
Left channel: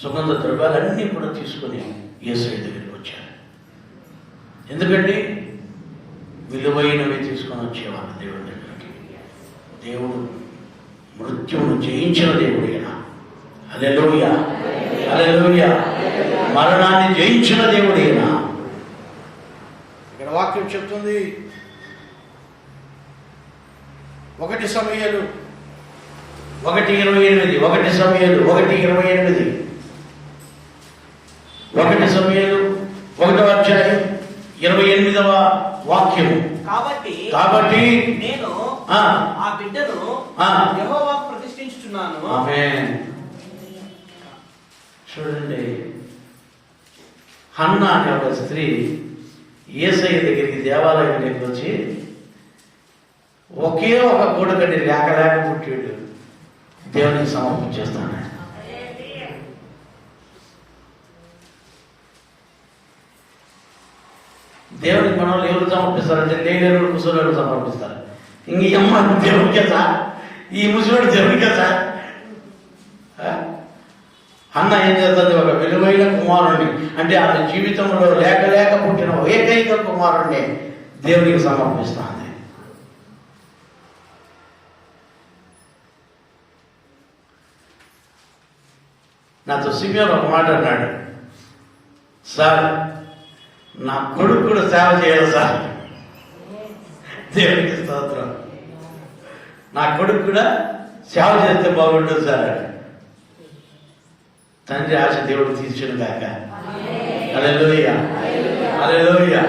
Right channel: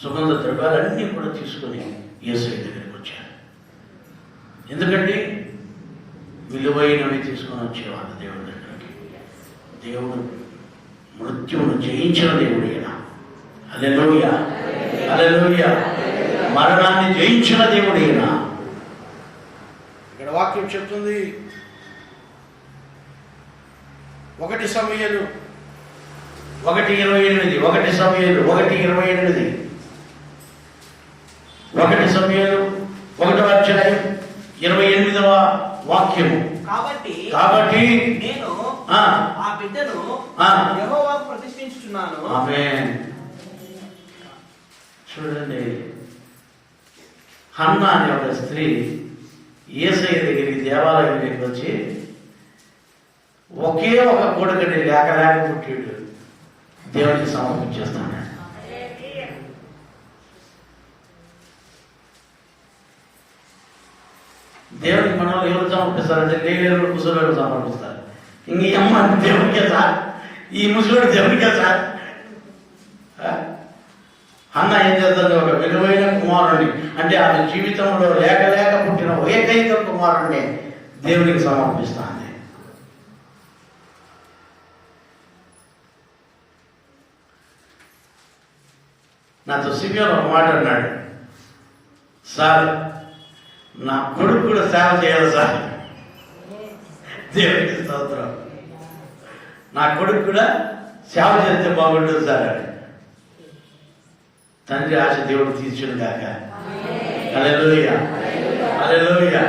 సుగంధ ద్రవ్యాలన్నీ కూడా తీసుకొని యేసయ్య దగ్గరికి వచ్చారు. ఎందుకంటే విలువైనవి తీసుకొని వచ్చేవాళ్ళు దేవుడి దగ్గరికి. దేవుడు మృత్యువును జయించిన దేవుడైనా, హల్లెలూయా, హల్లెలూయా, మరణాన్ని జయించిన దేవుడైనా. ఇక్కడ వాక్యం చెప్తుంది 1 సమూయేలు 1:28, 1 సమూయేలు 1:28, 1 సమూయేలు 1వ అధ్యాయం 28వ వాక్యం. కాబట్టి నేను ఆ బిడ్డను యెహోవాకు ప్రతిష్ఠించుచున్నాను. ఆమేన్. చూడండి, హన్నా అనే ఒక స్త్రీ యేసయ్య దగ్గరికి దేవాలయం దగ్గరికి వచ్చి ఒకే ఒక కొడుకండి లేక పుట్టాడు, దేవునికి సమర్పించేస్తాడు. దేవునికి మనం ఎవరు సమర్పిస్తారంటే లేని కూర్చోలేరు సమర్పిస్తారు. ఇంక ఈ అమ్మ దేవునికే సార్, ఈ ముసలోడు దేవునికే సార్. అన్న ఏం చేస్తుంది? ఒక విలువైన కుమారుడిని, అంటే ఆమె జీవితంలో లేక లేక పుట్టిన ఏకైక కుమారుడిని దేవునికి సమర్పిస్తాను. నాతో సిమియోన్ ఒక మాట అన్నాడు, సార్ నా కొడుకు కూడా సేవ చేయాలి సార్. దేవునికి స్తోత్రం. నా కొడుకు కూడా సేవ చేస్తే బాగుంటుంది సార్ అని. తండ్రి ఆశ దేవుడు తీర్చును కాక. హల్లెలూయా, హల్లెలూయా.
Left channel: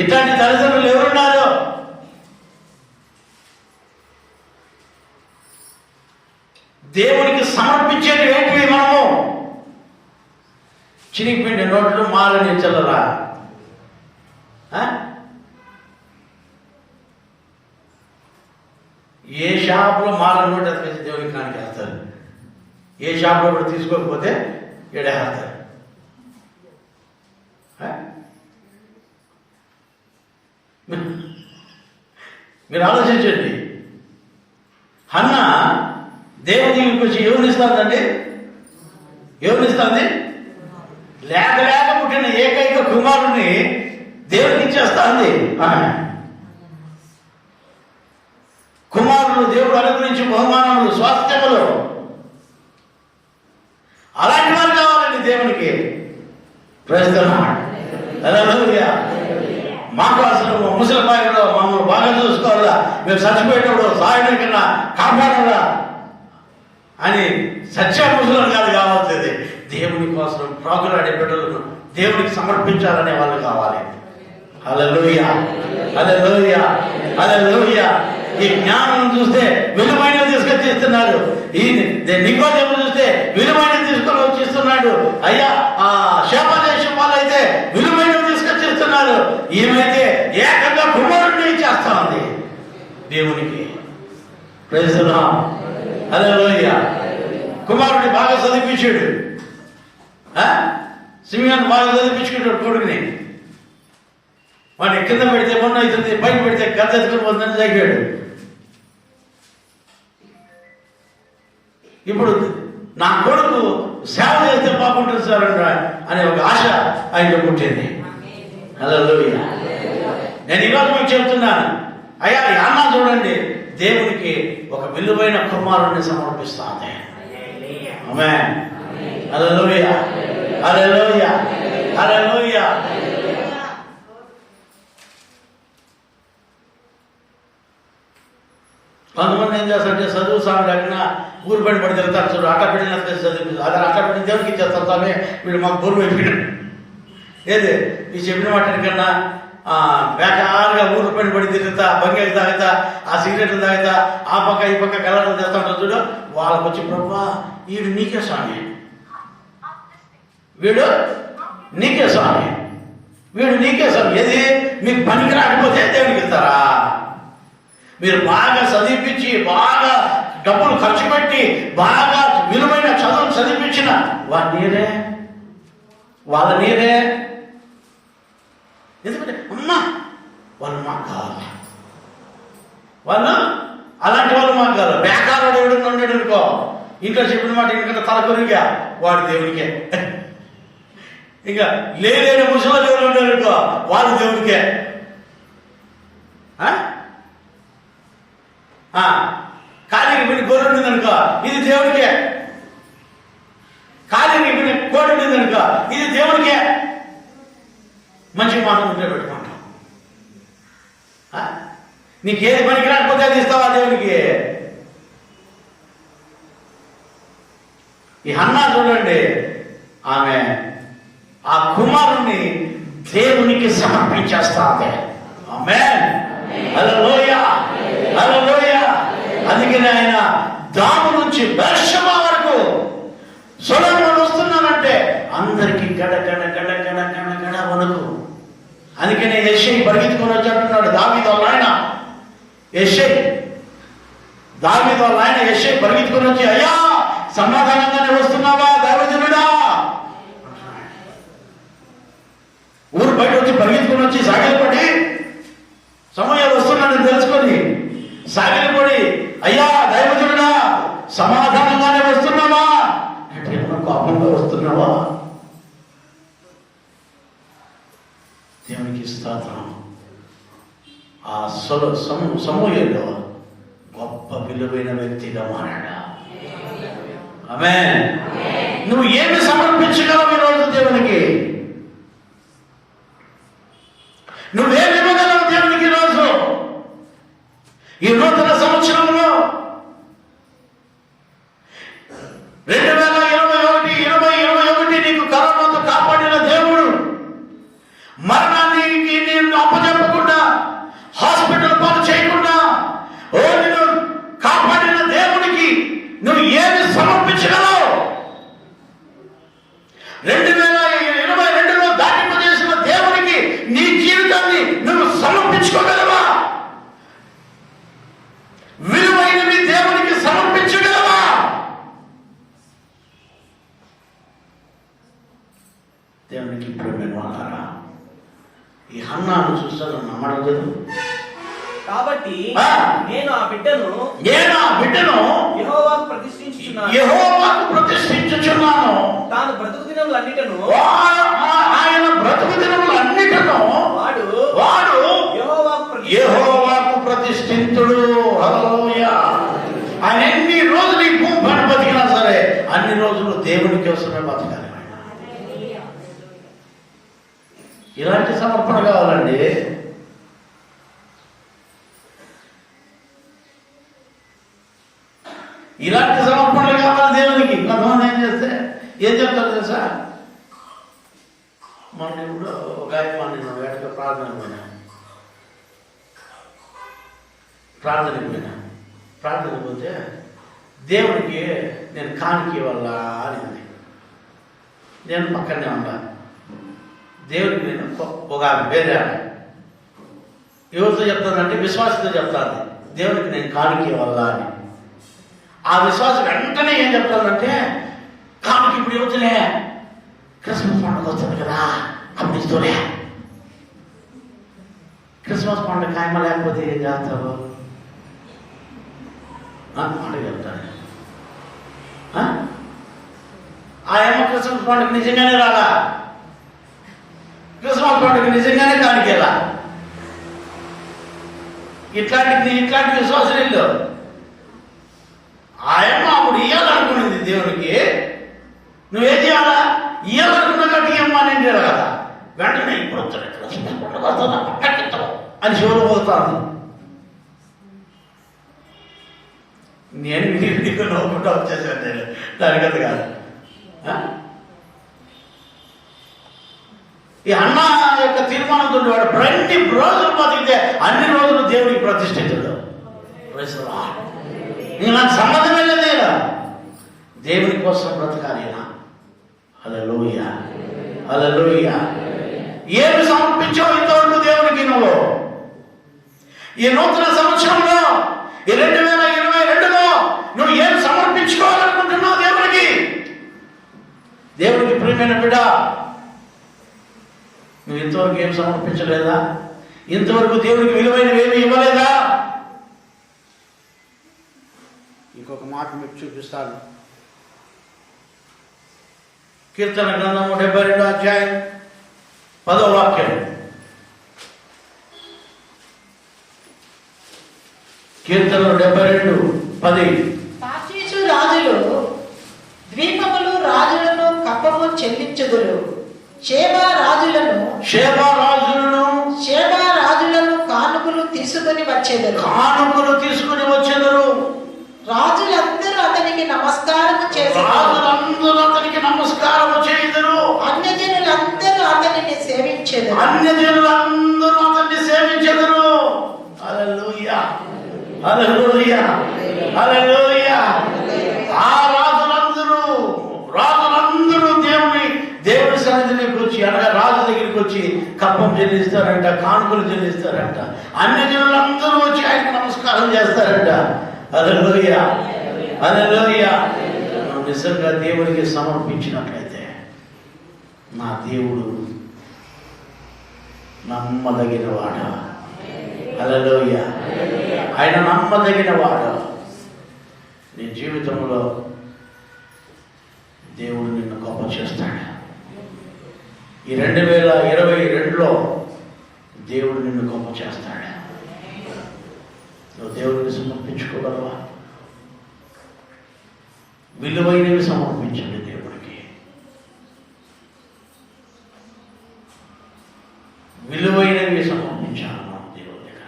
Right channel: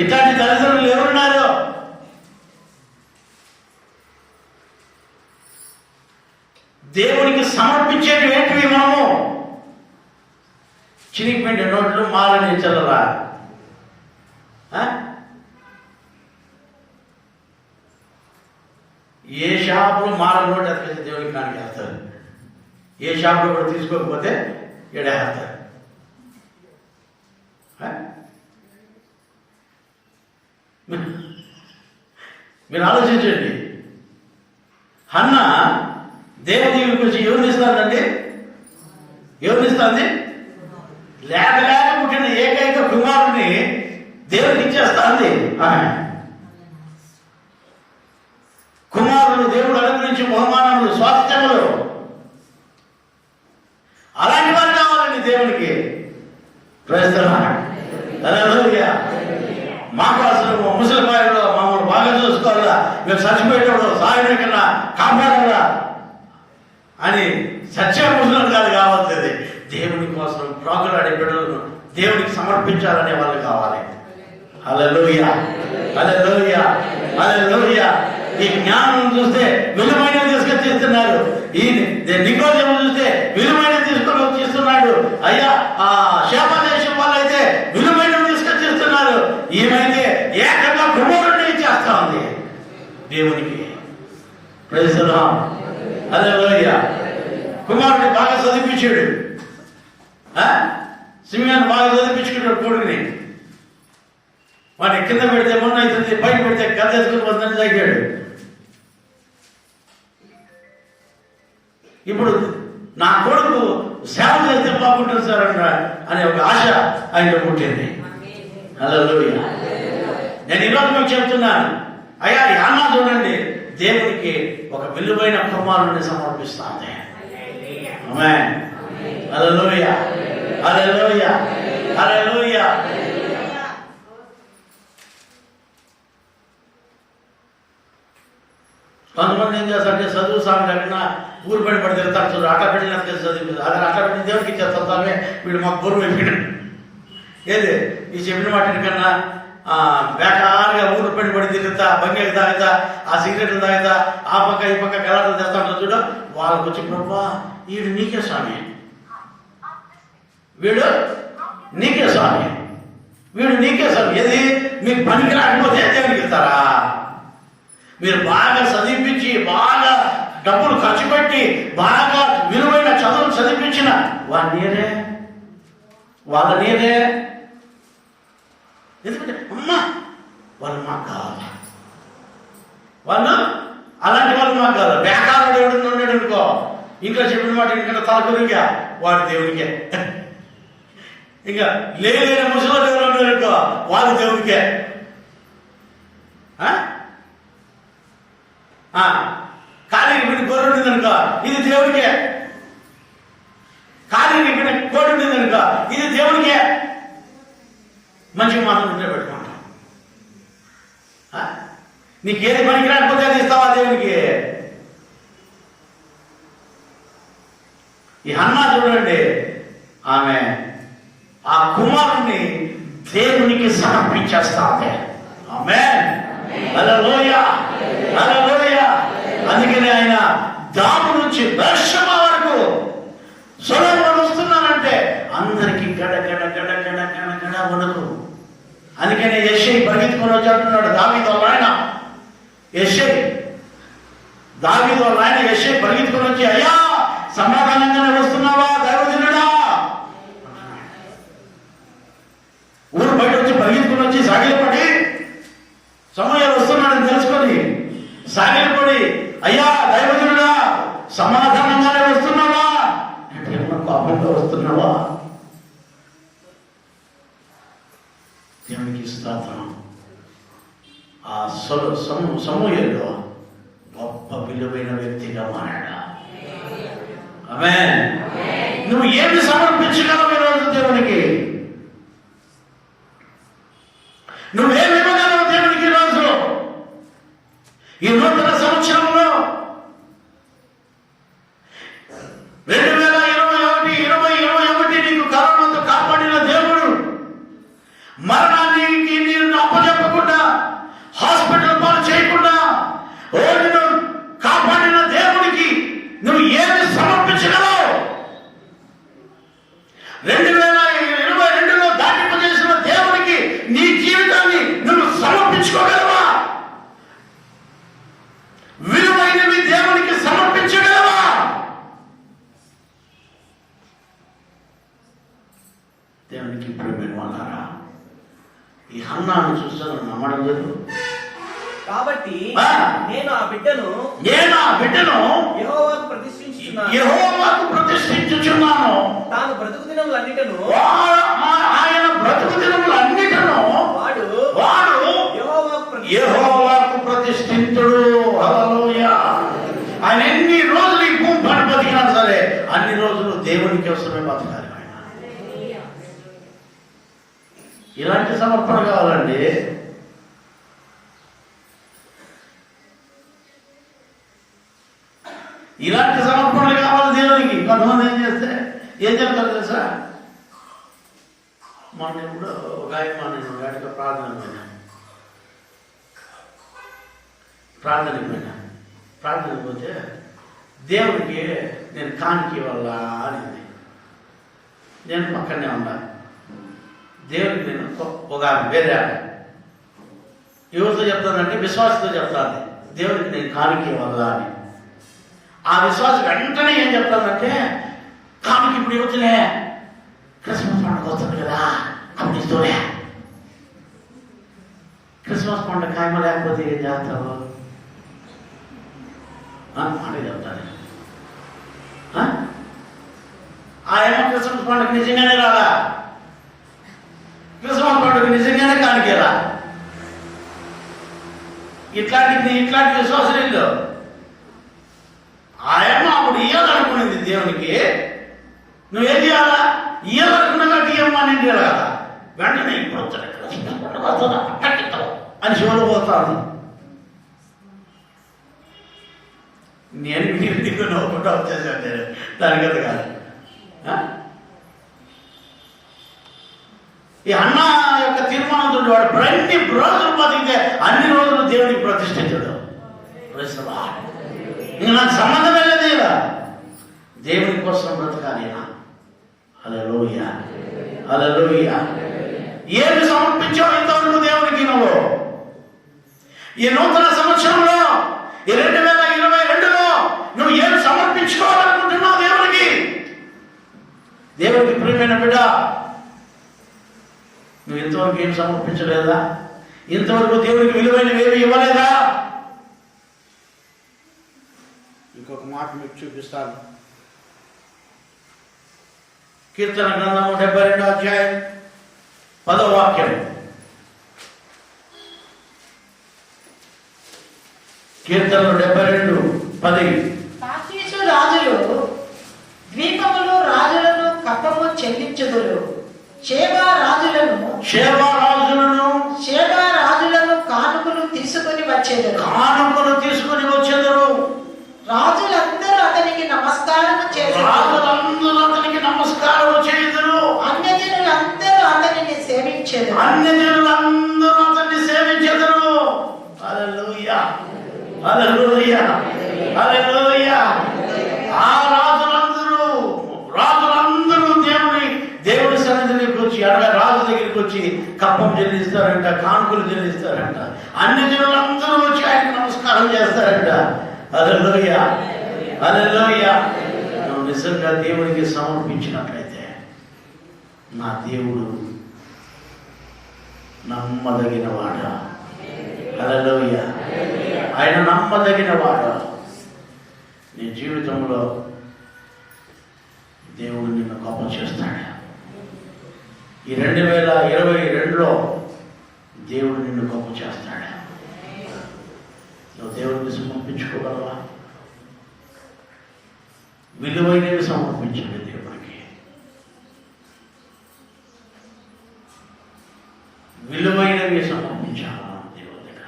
ఇట్లాంటి తల్లిదండ్రులు ఎవరున్నారు? దేవునికి సమర్పించేది ఏంటివి? మనము చినిగిపోయిన నోట్లు మాలని చల్లరా? ఏ షాపులో మాల నోటు అతికేసి దేవునికి కానికి వేస్తారు. ఏ షాపులో కూడా తీసుకోకపోతే ఎడేస్తారు. మీరు ఆలోచించండి. హన్నా దేవునికి వచ్చి ఎవరిని ఇస్తానండి? ఎవరిని ఇస్తుంది? లేక లేక పుట్టిన ఏకైక కుమారుడిని దేవునికి ఇచ్చేస్తుంది. కుమారుడు దేవుడు అనుగ్రహించి బహుమానములు, స్వాస్థ్యములు, అలాంటి వారు కావాలండి దేవునికి. హల్లెలూయా. మాకు అసలు ముసలిపాయలో మమ్మల్ని బాగా చూసుకోవాలా, మేము చచ్చిపోయేటప్పుడు సాయన కన్నా కాపాడాలా అని సత్యాముసులను కాదు కావాల్సింది. దేవుని కోసం ప్రాకులాడే బిడ్డలను దేవునికి సమర్పించాలనే వాళ్ళు కావాలి. హల్లెలూయా, హల్లెలూయా, హల్లెలూయా. ఈ జ్ఞానం చూస్తే విలువైన తీసుకొచ్చి ఇస్తున్నారు. ఈ నికోదేము చూస్తే విలువైన తీసుకొని వచ్చి ఇస్తున్నాడు. అయ్యా ఆ శాపదేశం వాళ్ళైతే విలువైన తీసుకొచ్చి ఇస్తున్నారు. ఈమెయితే ఏకంగా కుమారుడిని చేస్తా ఉంది దేవునికి. ప్రైజ్ ది లార్డ్, హల్లెలూయా. కుమారుడిని బాగా చదివించాడు. సిమియోను బాగా చదివించుకుంటాడు కొడుకుని. వాడిని కింద పెడితే మొన్న అవుతుంది, పైన పెడితే గద్ద ఎత్తుకుని వద్దని తగ్గాడు. ఇప్పుడు నా కొడుకు సేవ చేస్తే బాగుంటుంది సార్ అనే ఒక ఆశ ఆయనలో పుట్టింది. హల్లెలూయా. నేను ఈరోజు మీకు చెప్తున్నాను, అయ్యా యాన్నా చూడండి, దేవునికి ఒక విలువైన కుమారుడిని సమర్పిస్తాను. ఆమేన్. హల్లెలూయా, హల్లెలూయా, హల్లెలూయా. కొంతమంది ఏం చేస్తారంటే చదువు సాగు లేకుండా ఊరు బయట పడి తిరుగుతారు. చూడు అట్లా పెట్టిన చదివి అదే అట్లా పెట్టిన దేవునికి ఇచ్చేస్తాం స్వామి, వీడు మాకు బరువు అయిపోయినాడు. ఏది ఈ చెప్పిన వాటిని కన్నా బేకారుగా ఊరు పైన పడి తిరుగుతా, బంగారు తాగుతా, ఆ సిగరెట్లు తాగుతా, ఆ పక్క ఈ పక్క గలాటలు చేస్తా ఉంటారు చూడు. వాళ్ళకి వచ్చి ప్రభా వీడు నీకే స్వామి, వీడు నీకే స్వామి, వీడు నీకే స్వామి. ఏది మీకు పనికి రాకపోతే దేవునికి ఇస్తారా? మీరు బాగా చదివించి, బాగా డబ్బులు ఖర్చు పెట్టి, బాగా విలువైన చదువులు చదివించిన వాళ్ళ నీరే. ఎందుకంటే అమ్మా వాళ్ళు మాకు కావాలి, వాళ్ళు అలాంటి వాళ్ళు మాకు కావాలి. బేకారుడు ఎవడన్నా ఉన్నాడు అనుకో, ఇంకా చెప్పిన మాట ఎందుకంటే తలకొరిగా వాడు దేవునికే. ఇంకా లేని ముసలి ఎవరు ఉన్నారు అనుకో, వాళ్ళు దేవునికే. కాలికి మీరు గొర్రె ఉండిందనుకో, ఇది దేవునికే. కాలికి మీరు కోడి ఉండిందనుకో, ఇది దేవునికే. మంచి మాటలు ఉంటే పెట్టుకుంటాం. నీకేది పనికి రాకపోతే అది ఇస్తావా దేవునికి? ఈ హన్నా చూడండి, ఆమె ఆ కుమారుణ్ణి దేవునికి సమర్పించేస్తాంది. ఆమేన్, హల్లెలూయా, హల్లెలూయా. అందుకనే ఆయన దాము నుంచి బెర్షెబా వరకు సొలొమోను వస్తున్నానంటే అందరికీ గడ గడ గడ గడ గడ గడ వణుకు. అందుకనే యెషయి పరిగెత్తుకొని వచ్చి అంటున్నాడు, దావీదు వాళ్ళ ఆయన యెషయి, దావీదు వాళ్ళ ఆయన యెషయి పరిగెత్తుకొని వచ్చి, అయ్యా సమాధానంగానే వస్తున్నావా దైవజనుడా? ఊరు బయట వచ్చి పరిగెత్తుకొని వచ్చి సాగిలపడి సమయాలు వస్తున్నాడని తెలుసుకొని అయ్యా దైవజనుడా సమాధానంగానే వస్తున్నావా అంటే ఏమన్నా కోపంగా వస్తున్నావా? దేవునికి స్తోత్రం. ఆ సమూయేలు గొప్ప విలువైన వ్యక్తిగా మారాడు. ఆమేన్. నువ్వు ఏమి సమర్పించగలవు ఈరోజు దేవునికి? నువ్వేమి ఇవ్వగలవు దేవునికి ఈరోజు? ఈ నూతన సంవత్సరంలో 2021 నీకు కరోనాతో కాపాడిన దేవుడు, మరణానికి నేను అప్పచెప్పకుండా, హాస్పిటల్ పాలు చేయకుండా నిన్ను కాపాడిన దేవుడికి నువ్వు ఏమి సమర్పించగలవు? 2022లో దాటింపజేసిన దేవుడికి నీ జీవితాన్ని నువ్వు సమర్పించుకోగలవా? విలువైనవి దేవునికి సమర్పించగలవా? దేవునికి ప్రేమ అన్నారా? ఈ హన్నాను చూస్తాను నమ్మడం లేదు. కాబట్టి నేను ఆ బిడ్డను యెహోవాకు ప్రతిష్ఠించుచున్నాను. తాను బ్రతుకు దినములన్నిటను ఆయన బ్రతుకు దినములన్నిటను వాడు యెహోవాకు ప్రతిష్ఠించుడు. హల్లెలూయా. ఆయన ఎన్ని రోజులు ఈ భూమి పైన బతికినా సరే అన్ని రోజులు దేవుని కోసమే బతకాలి. ఇలాంటి సమర్పణ కావాలండి. ఇలాంటి సమర్పణలు కావాలి దేవునికి. కొంతమంది ఏం చెప్తారు తెలుసా? మొన్న ఇప్పుడు ఒక ఆయన నేను వేటగా ప్రార్థనకు పోతే దేవునికి నేను కానికి వల్ల అని నేను పక్కనే ఉన్నా. దేవుడికి నేను ఒక వేరే ఎవరితో చెప్తానంటే విశ్వాసంతో చెప్తాను, దేవుడికి నేను కానికి వల్ల అని. ఆ విశ్వాసం వెంటనే ఏం చెప్తానంటే, కానికి ఇప్పుడు ఇవ్వచ్చులే, క్రిస్మస్ పండుగ వస్తుంది కదా అప్పుడు ఇస్తూనే. క్రిస్మస్ పండుగ ఖాయమ లేకపోతే ఏం చేస్తావు మాట చెప్తాను. ఆయమ్మ క్రిస్మస్ పండుగ నిజంగానే రాలా, క్రిస్మస్ పండుగ నిజంగానే కానికేలా. ఇట్లాంటి విశ్వాసం ఇల్లు ఆయమ్మ అప్పుడు ఇయ్యాలనుకునేది దేవునికి. నువ్వేం చేయాలా? ఇయ్యాలనుకున్నా ఇయ్యమ్మా అని కదా. వెంటనే ఇప్పుడు అని శివులు పోతాను. నేను నీకు నవ్వుకుంటా వచ్చేసాను. నేను దానికది కాదు. ఈ అన్న యొక్క తీర్మానంతో వాడు అన్ని రోజులు బతికితే అన్ని రోజులు దేవుడికి ప్రతిష్ఠించడు. నాకు సంబంధమే లేదు. దేవుని కోసం బ్రతకాలి. హల్లెలూయా, హల్లెలూయా. ఏమి సమర్పించావు ఇంతవరకు దేవునికి నువ్వు? ఈ నూతన సంవత్సరంలో 2022లో నువ్వు ఏమి సమర్పించుకోవాలనుకుంటున్నావు దేవునికి? దేవునికి ప్రియమైన బిడ్డ, నువ్వు ఇంతవరకు ఏం సమర్పించలేదా? ఇంతవరకు దేవునికి విలువైనవి ఏమి ఇవ్వలేదా? ఇంకొక మాట మీకు చూపిస్తాను. కీర్తన గ్రంథము 72 అధ్యాయం 10వ వాక్యం. కీర్తనలు 72:10. తార్షీషు రాజులు ద్వీపములు రాజులను కప్పము చెల్లించుదురు. షేబా రాజులను కానుకలు తీసుకుని వచ్చేదరు. రాజులందరూ అతనికి నమస్కారం చేయుదురు. అన్యజనులందరూ అతనిని సేవించెదరు. హల్లెలూయా, హల్లెలూయా, హల్లెలూయా. ఆ రాజులందరూ దేవుడి సన్నిధికి వచ్చి, అనగా రాజు దగ్గరికి వచ్చి కప్పం చెల్లిస్తారంట, కానుకలు చెల్లిస్తారంట. అన్ని జనులందరూ వచ్చి ఆయనకు నమస్కారం చేస్తారంట. హల్లెలూయా, హల్లెలూయా. నువ్వు నిజంగా దేవునికి సమర్పించినట్లయితే నా దేవుడు నమ్మదగిన వాడ. హల్లెలూయా. ఆయన నమ్మదగిన వాడు. జీవితంలో దేవుడు నిన్ను గొప్ప చేస్తాడు. ఈ 2022లో దేవుడు నిన్ను గొప్ప చేస్తాడు. నువ్వు దేవుడిని సమర్పించుకోగలవా? విలువైనవి సమర్పించండి దేవుడికి. విలువైనవి సమర్పించాలి మనం దేవుడి దగ్గర.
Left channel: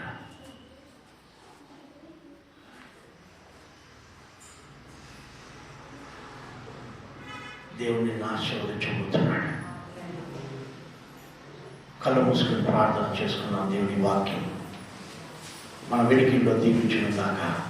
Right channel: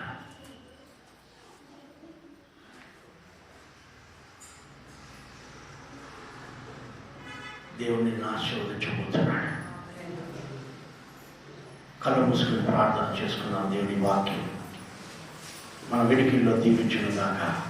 దేవుడు నిన్ను ఆశీర్వదించబోతున్నాడు. కళ్ళు మూసుకుని ప్రార్థన చేసుకున్నాం. దేవుని వాక్యం మన వెనుకల్లో దీవించును గాక.